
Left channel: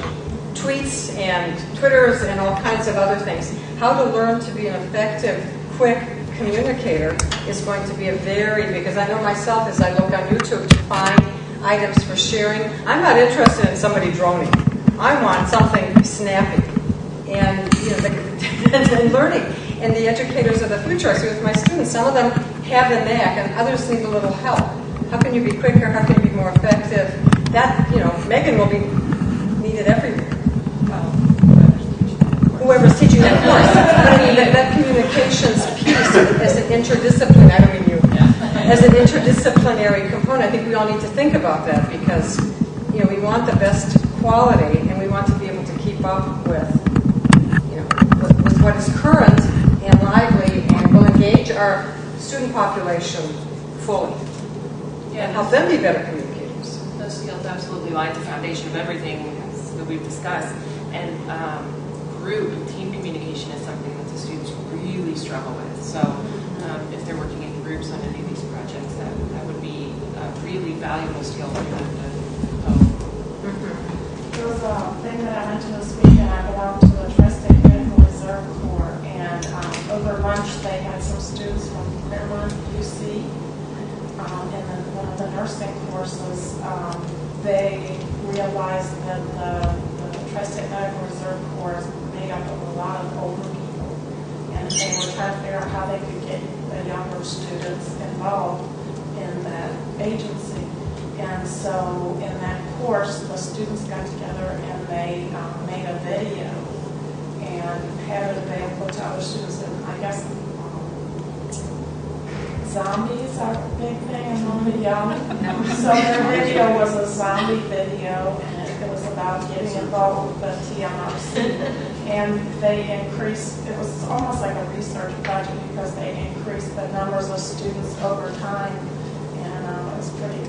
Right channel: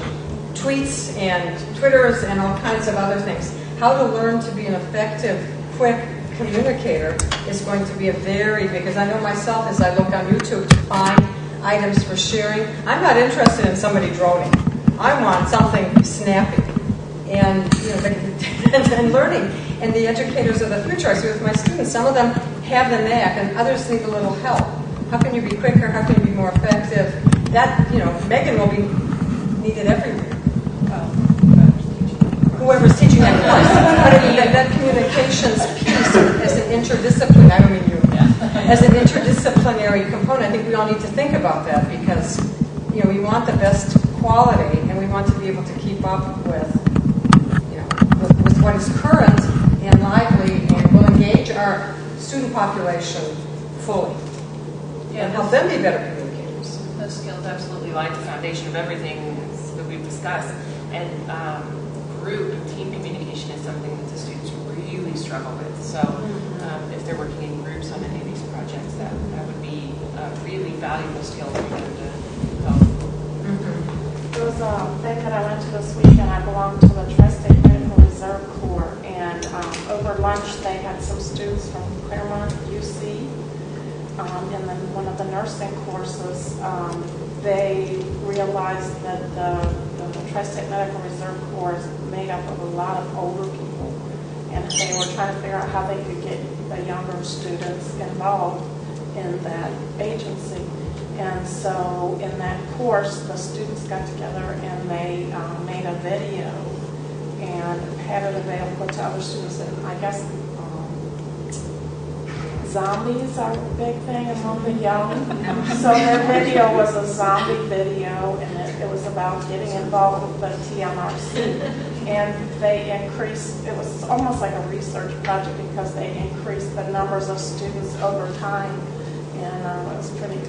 tweets and Twitters and all kinds of other things. How to learn to be an effective, quick communicator is going to be because I know myself as I look on YouTube to find items for sharing. I'm not interested in somebody droning. I want something snappy. And and learning. And the educators of the future, I see with my students, some of them have the knack and others need a little help. How can you be quicker? How can you be more effective? That, Megan will be needed everywhere. Whoever's teaching that course. But that communications piece as an interdisciplinary, I don't mean you, as an interdisciplinary component, I think we all need to think about that because, we want the best quality and we want to be able to keep up with what is current and lively and will engage our student population fully and help them be better communicators. Those skills absolutely lie at the foundation of everything that we've discussed. And group team communication is something that the students really struggle with. So if they're working in groups on any of these projects, that would be a really valuable skill for them to hone. There was a thing that I went to this week, and I belonged to the Tri-State Medical Reserve Corps, and over lunch they had some students from Claremont, UC, and then one of the nursing courses, they realized that the Tri-State Medical Reserve Corps is made up of a lot of older people, and they were trying to figure out how they could get the younger students involved in that agency. And so in that course, the students got together and they made a video and had it available to other students. And I guess zombies are a big thing among the young. So their video was a zombie video, and it was about getting involved with the TMRC. And they increased, it was almost like a research project because they increased the numbers of students over time. And it was pretty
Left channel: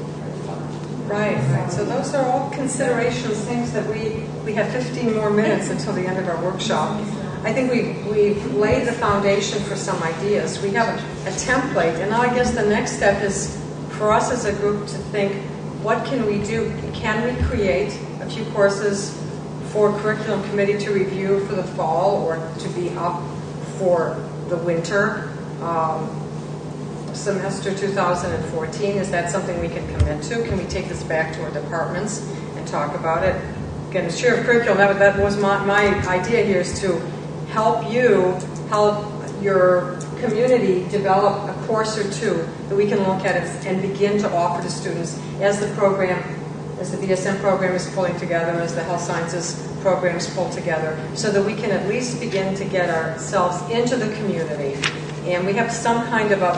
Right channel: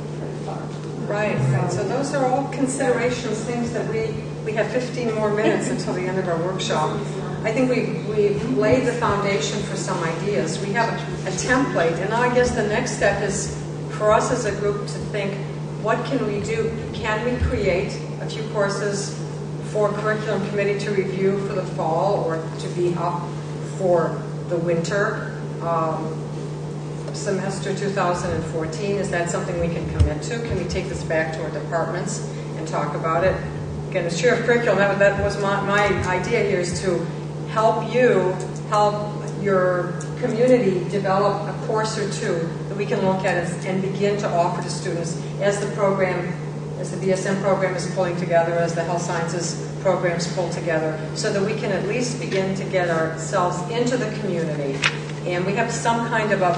fun. Right. So those are all considerations, things that we have 15 more minutes until the end of our workshop. I think we've laid the foundation for some ideas. We have a template, and now I guess the next step is for us as a group to think, what can we do? Can we create a few courses for curriculum committee to review for the fall or to be up for the winter semester 2014? Is that something we can commit to? Can we take this back to our departments and talk about it? Again, as chair of curriculum, that was my idea here, is to help your community develop a course or two that we can look at and begin to offer to students as the BSN program is pulling together, as the health sciences programs pull together, so that we can at least begin to get ourselves into the community. And we have some kind of a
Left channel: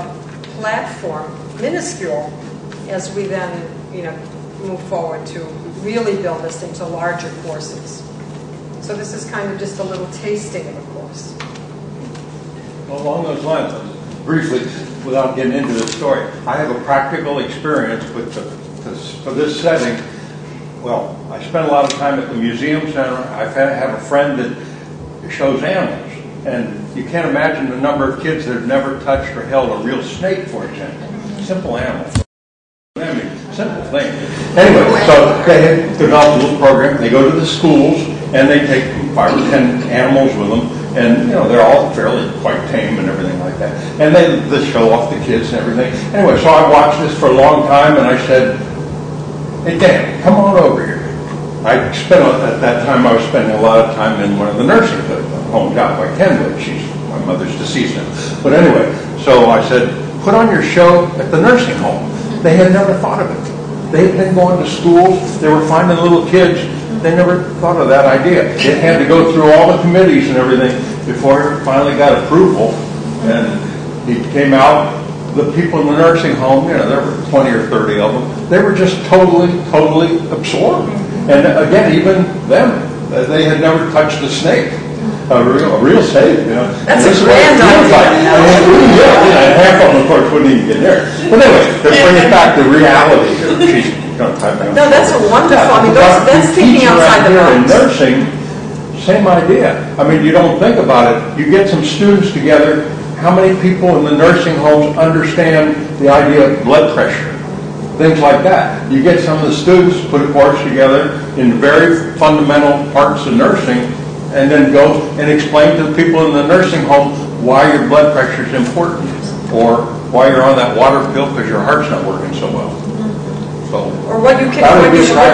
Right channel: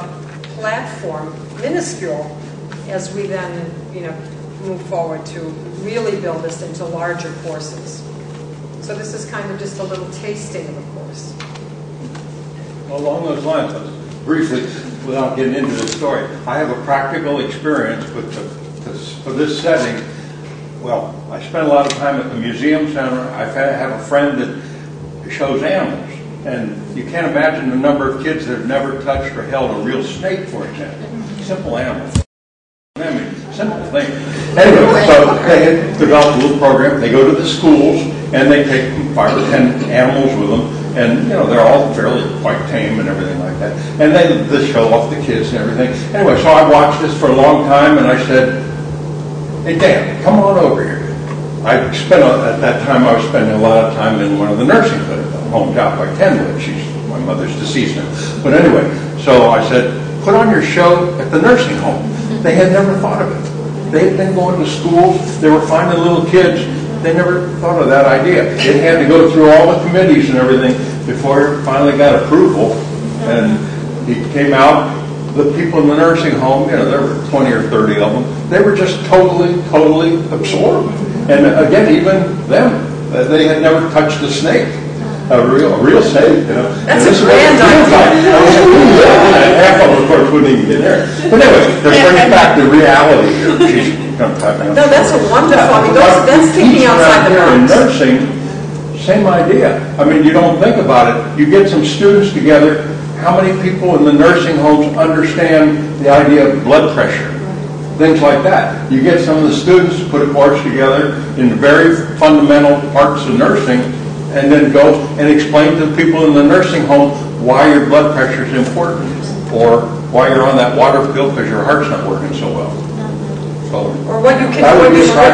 platform, minuscule, as we then move forward to really build this into larger courses. So this is kind of just a little tasting of a course. Well, along those lines, briefly, without getting into the story, I have a practical experience for this setting. Well, I spent a lot of time at the museum center. I have a friend that shows animals, and you can't imagine the number of kids that have never touched or held a real snake, for example. Simple animal. I mean, simple thing. Anyway, so they had developed a little program. They go to the schools, and they take 5 or 10 animals with them, and, you know, they're all fairly quite tame and everything like that. And they show off the kids and everything. Anyway, so I watched this for a long time, and I said, hey, Dan, come on over here. At that time, I was spending a lot of time in one of the nursing homes out by Kenwood. My mother's deceased now. But anyway, so I said, put on your show at the nursing home. They had never thought of it. They had been going to schools. They were finding little kids. They never thought of that idea. It had to go through all the committees and everything before it finally got approval. And he came out. The people in the nursing home, you know, there were 20 or 30 of them. They were just totally absorbed. And again, even them, they had never touched a snake, a real snake, you know. That's a grand idea. Half of them, of course, wouldn't even get there. But anyway, to bring it back to reality here, she's going to type me on. No, that's a wonderful. I mean, that's thinking outside the box. In nursing, same idea. I mean, you don't think about it. You get some students together. How many people in the nursing homes understand the idea of blood pressure? Things like that. You get some of the students, put a course together in very fundamental parts of nursing, and then go and explain to the people in the nursing home why your blood pressure is important, or why you're on that water pill because your heart's not working so well. So, or what you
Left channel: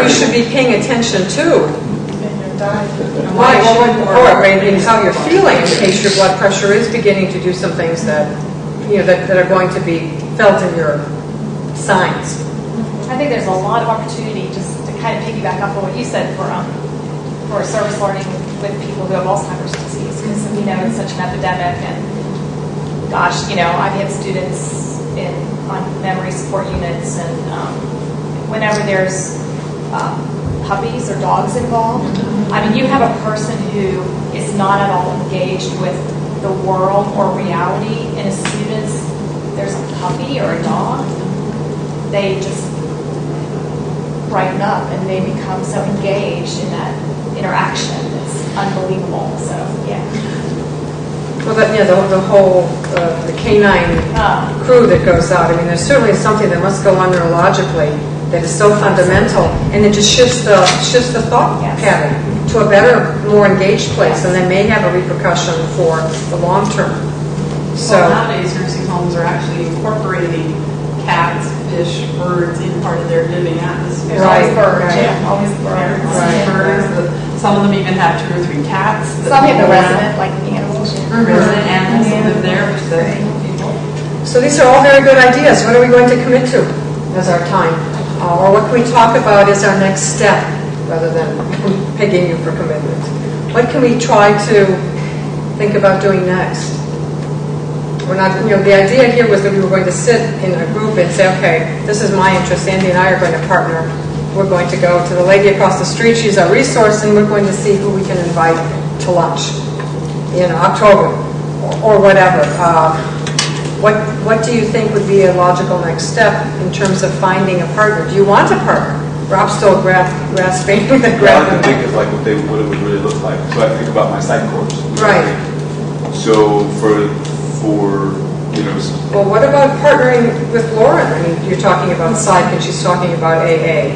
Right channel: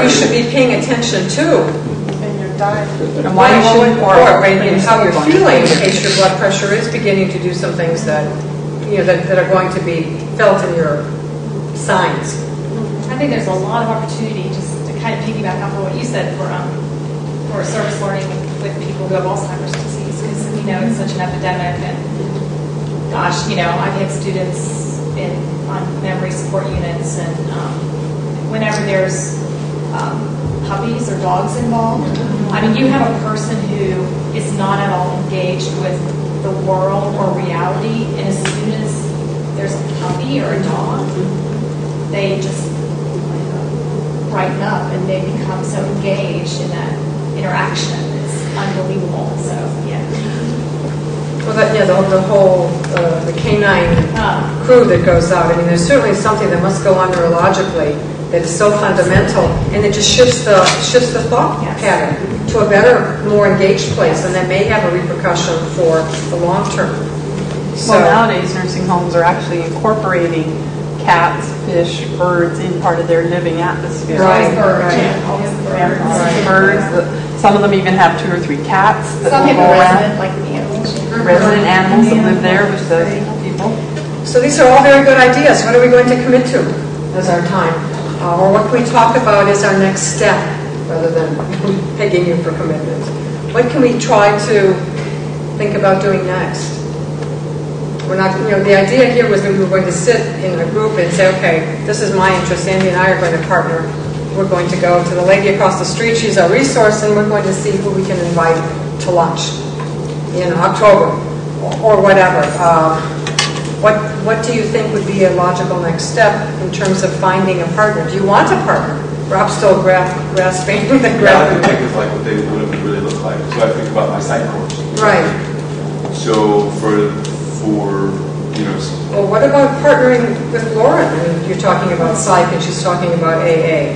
should be paying attention to. And why and how you're feeling in case your blood pressure is beginning to do some things that, you know, that are going to be felt in your signs. I think there's a lot of opportunity, just to kind of piggyback off of what you said, for service learning with people who have Alzheimer's disease, because we know it's such an epidemic. And gosh, you know, I've had students on memory support units, and whenever there's puppies or dogs involved, I mean, you have a person who is not at all engaged with the world or reality, and as soon as there's a puppy or a dog, they just brighten up and they become so engaged in that interaction. It's unbelievable. So, yeah. Well, the whole the canine crew that goes out. I mean, there's certainly something that must go on neurologically that is so fundamental, and it just shifts the thought pattern to a better, more engaged place, and that may have a repercussion for the long term. So nowadays, nursing homes are actually incorporating cats, fish, birds in part of their living atmosphere. Right, birds. Some of them even have 2 or 3 cats. Some have a resident, like the animals. Resident animals that live there, which does people. So these are all very good ideas. What are we going to commit to as our time? Or what can we talk about as our next step, rather than pegging you for commitment? What can we try to think about doing next? We're not, you know, the idea here was that we were going to sit in a group and say, okay, this is my interest. Sandy and I are going to partner. We're going to go to the lady across the street. She's our resource, and we're going to see who we can invite to lunch in October or whatever. What do you think would be a logical next step in terms of finding a partner? Do you want a partner? Rob's still grasping the I like to think of like what it would really look like. So I think about my psych course. Right. So for you know. Well, what about partnering with Lauren? I mean, you're talking about psych, and she's talking about AA,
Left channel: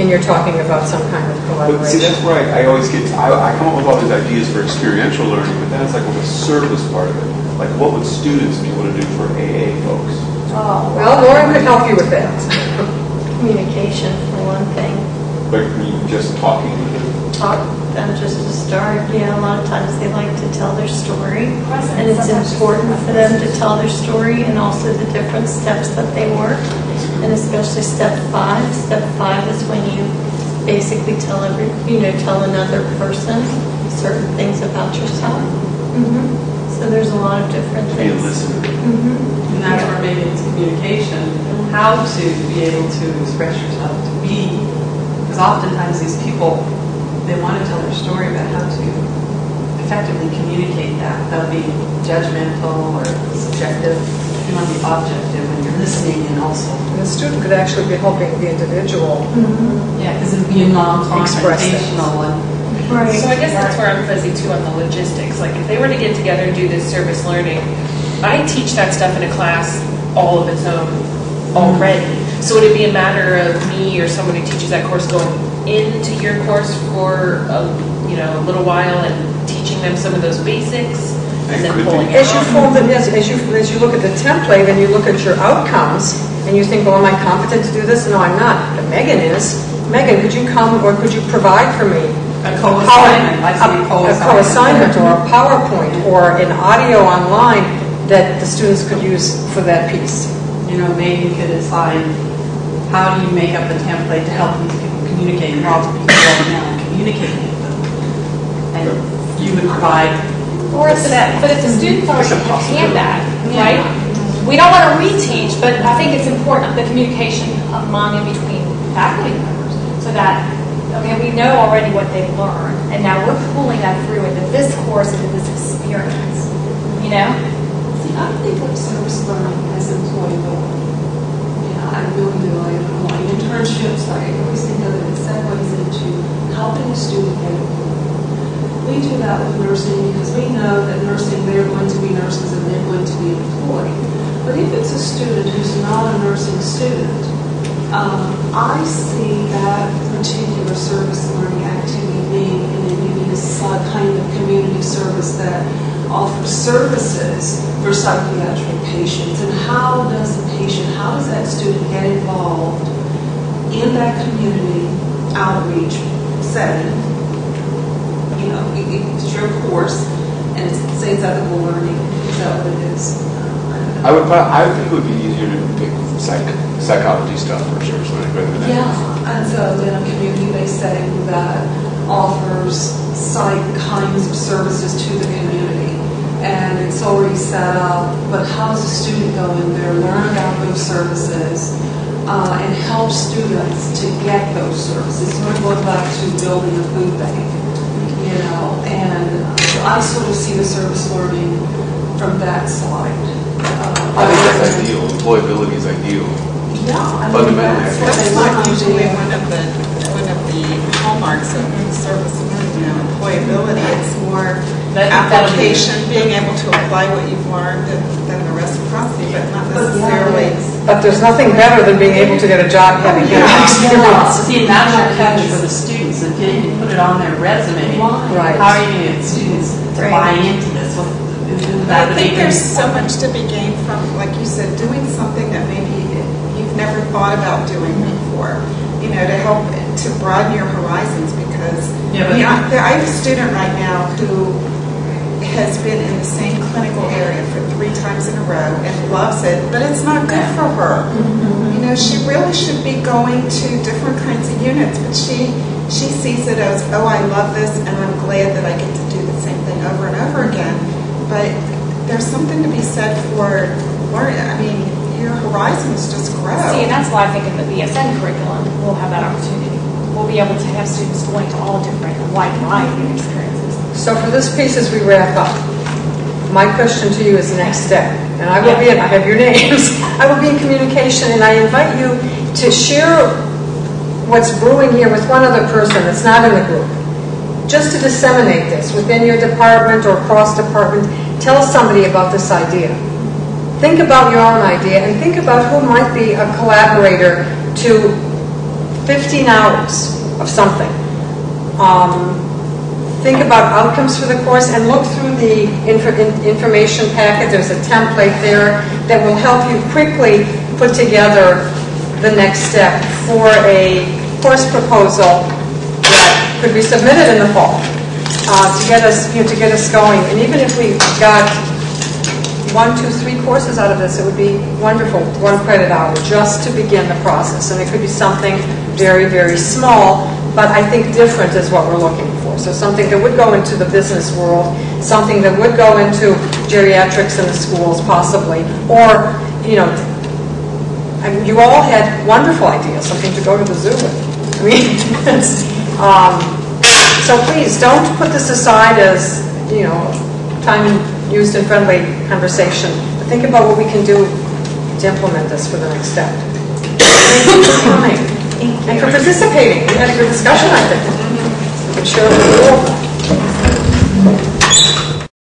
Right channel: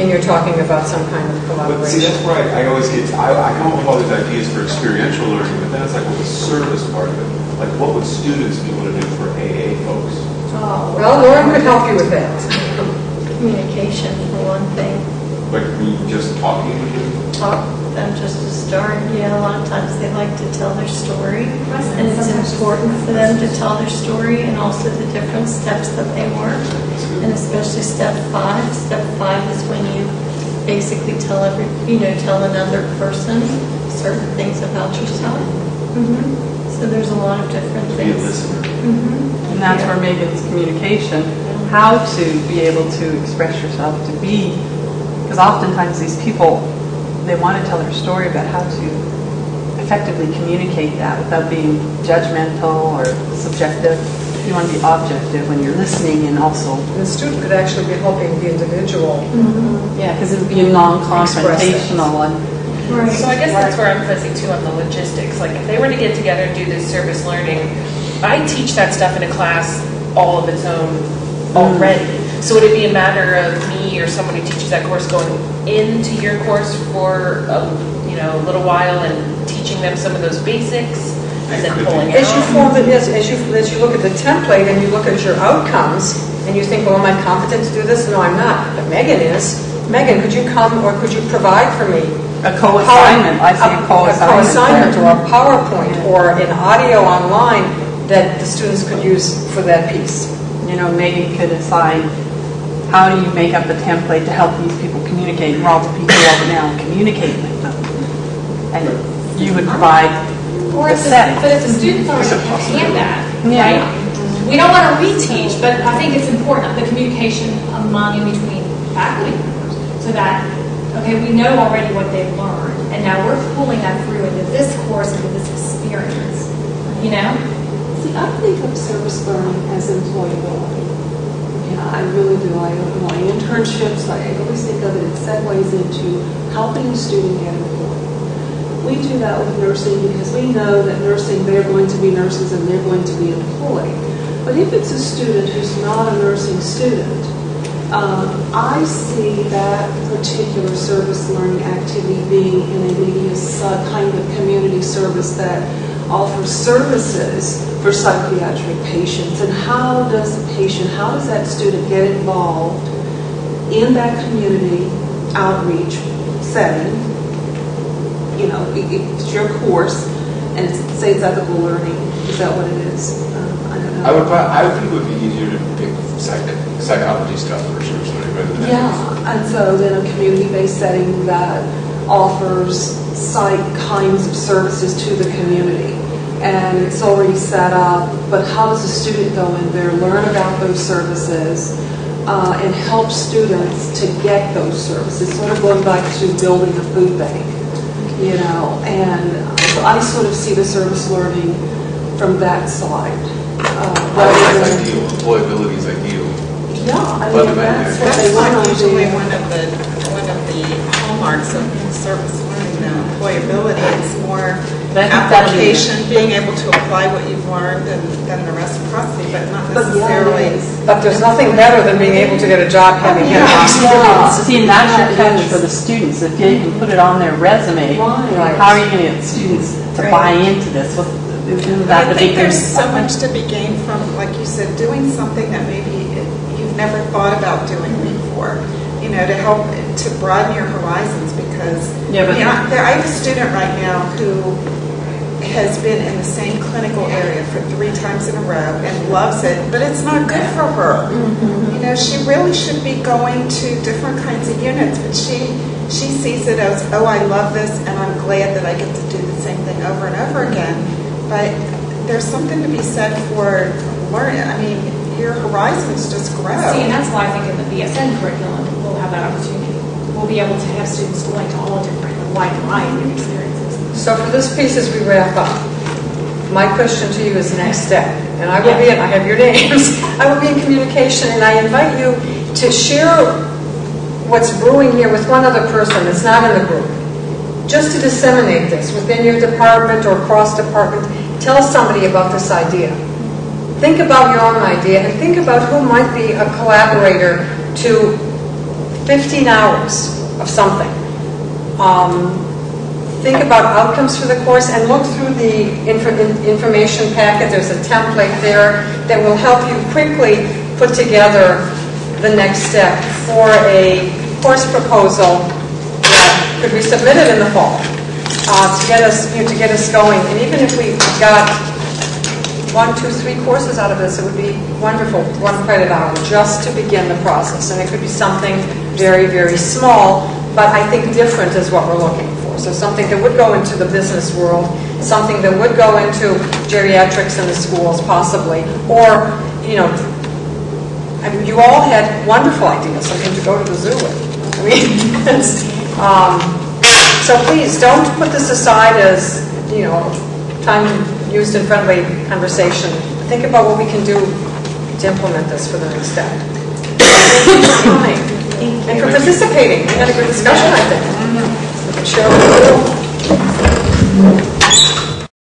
and you're talking about some kind of collaboration. But see, that's where I always get. I come up with all these ideas for experiential learning, but then it's like the service part of it. Like, what would students be able to do for AA folks? Oh, well, Lauren could help you with that. Communication, for one thing. Like me just talking with them? Talk them just to start. Yeah, a lot of times they like to tell their story. And it's important for them to tell their story and also the different steps that they work. And especially step 5. Step 5 is when you basically tell another person certain things about yourself. So there's a lot of different things. Be a listener. And that's where maybe it's communication, how to be able to express yourself, because oftentimes these people they want to tell their story, but how to effectively communicate that without being judgmental or subjective. You want to be objective when you're listening, and also And the student could actually be helping the individual. yeah, because it would be non-confrontational and. Right. So I guess that's where I'm fuzzy too on the logistics. Like if they were to get together and do this service learning, I teach that stuff in a class all of its own already. So would it be a matter of me or someone who teaches that course going into your course for a little while and teaching them some of those basics and then pulling out? As you form it, as you look at the template and you look at your outcomes and you think, well, am I competent to do this? No, I'm not. But Megan is. Megan, could you come or could you provide for me a co-assignment? I see a co-assignment or a PowerPoint or an audio online that the students could use for that piece. Megan could assign, how do you make up a template to help these people communicate, and all the people over now and communicate with them? And you would provide Or the setting. But if the students already understand that, right? We don't want to reteach, but I think it's important, the communication among and between faculty members, so that, okay, we know already what they've learned, and now we're pulling that through into this course, into this experience, See, I think of service learning as employability. Yeah, I really do. My internships, I always think of it in segues into helping a student get employed. We do that with nursing because we know that nursing, they're going to be nurses and they're going to be employed. But if it's a student who's not a nursing student, I see that particular service learning activity being in maybe a kind of community service that offers services for psychiatric patients. And how does that student get involved in that community outreach setting? It's your course, and say it's ethical learning. Is that what it is? I don't know. I think it would be easier to pick psychology stuff for service learning rather than and so then a community-based setting that offers psych kinds of services to the community. And it's already set up, but how does a student go in there, learn about those services, and help students to get those services? Sort of going back to building a food bank, and so I sort of see the service learning from that side. I think that's ideal. Employability is ideal. Yeah, I mean, that's not usually one of the hallmarks of service learning now, employability. It's more application, being able to apply what you've learned, and then the reciprocity, but not necessarily. But there's nothing better than being able to get a job having had experience. See, and that's your catch for the students. If you can put it on their resume, how are you going to get students to buy into this? I think there's so much to be gained from, like you said, doing something that maybe you've never thought about doing before. To help to broaden your horizons, because I have a student right now who has been in the same clinical area for 3 times in a row and loves it, but it's not good for her. She really should be going to different kinds of units, but she sees it as, oh, I love this and I'm glad that I get to do the same thing over and over again. But there's something to be said for learning. I mean, your horizons just grow. See, and that's why I think in the BSN curriculum, we'll have that opportunity. We'll be able to have students going to all different, a wide variety of experiences. So for this piece, as we wrap up, my question to you is next step. And I will be I have your names. I will be in communication, and I invite you to share what's brewing here with one other person that's not in the group. Just to disseminate this within your department or cross department, tell somebody about this idea. Think about your own idea and think about who might be a collaborator to 15 hours of something. Think about outcomes for the course and look through the information packet. There's a template there that will help you quickly put together the next step for a course proposal that could be submitted in the fall to get us going. And even if we got 1, 2, 3 courses out of this, it would be wonderful, 1 credit hour, just to begin the process. And it could be something very, very small, but I think different is what we're looking for. So something that would go into the business world, something that would go into geriatrics in the schools possibly, or, I mean, you all had wonderful ideas, something to go to the zoo with. I mean, So please, don't put this aside as, time used in friendly conversation. Think about what we can do to implement this for the next step. Thank you for coming and for participating. We had a good discussion, I think. We can share a little.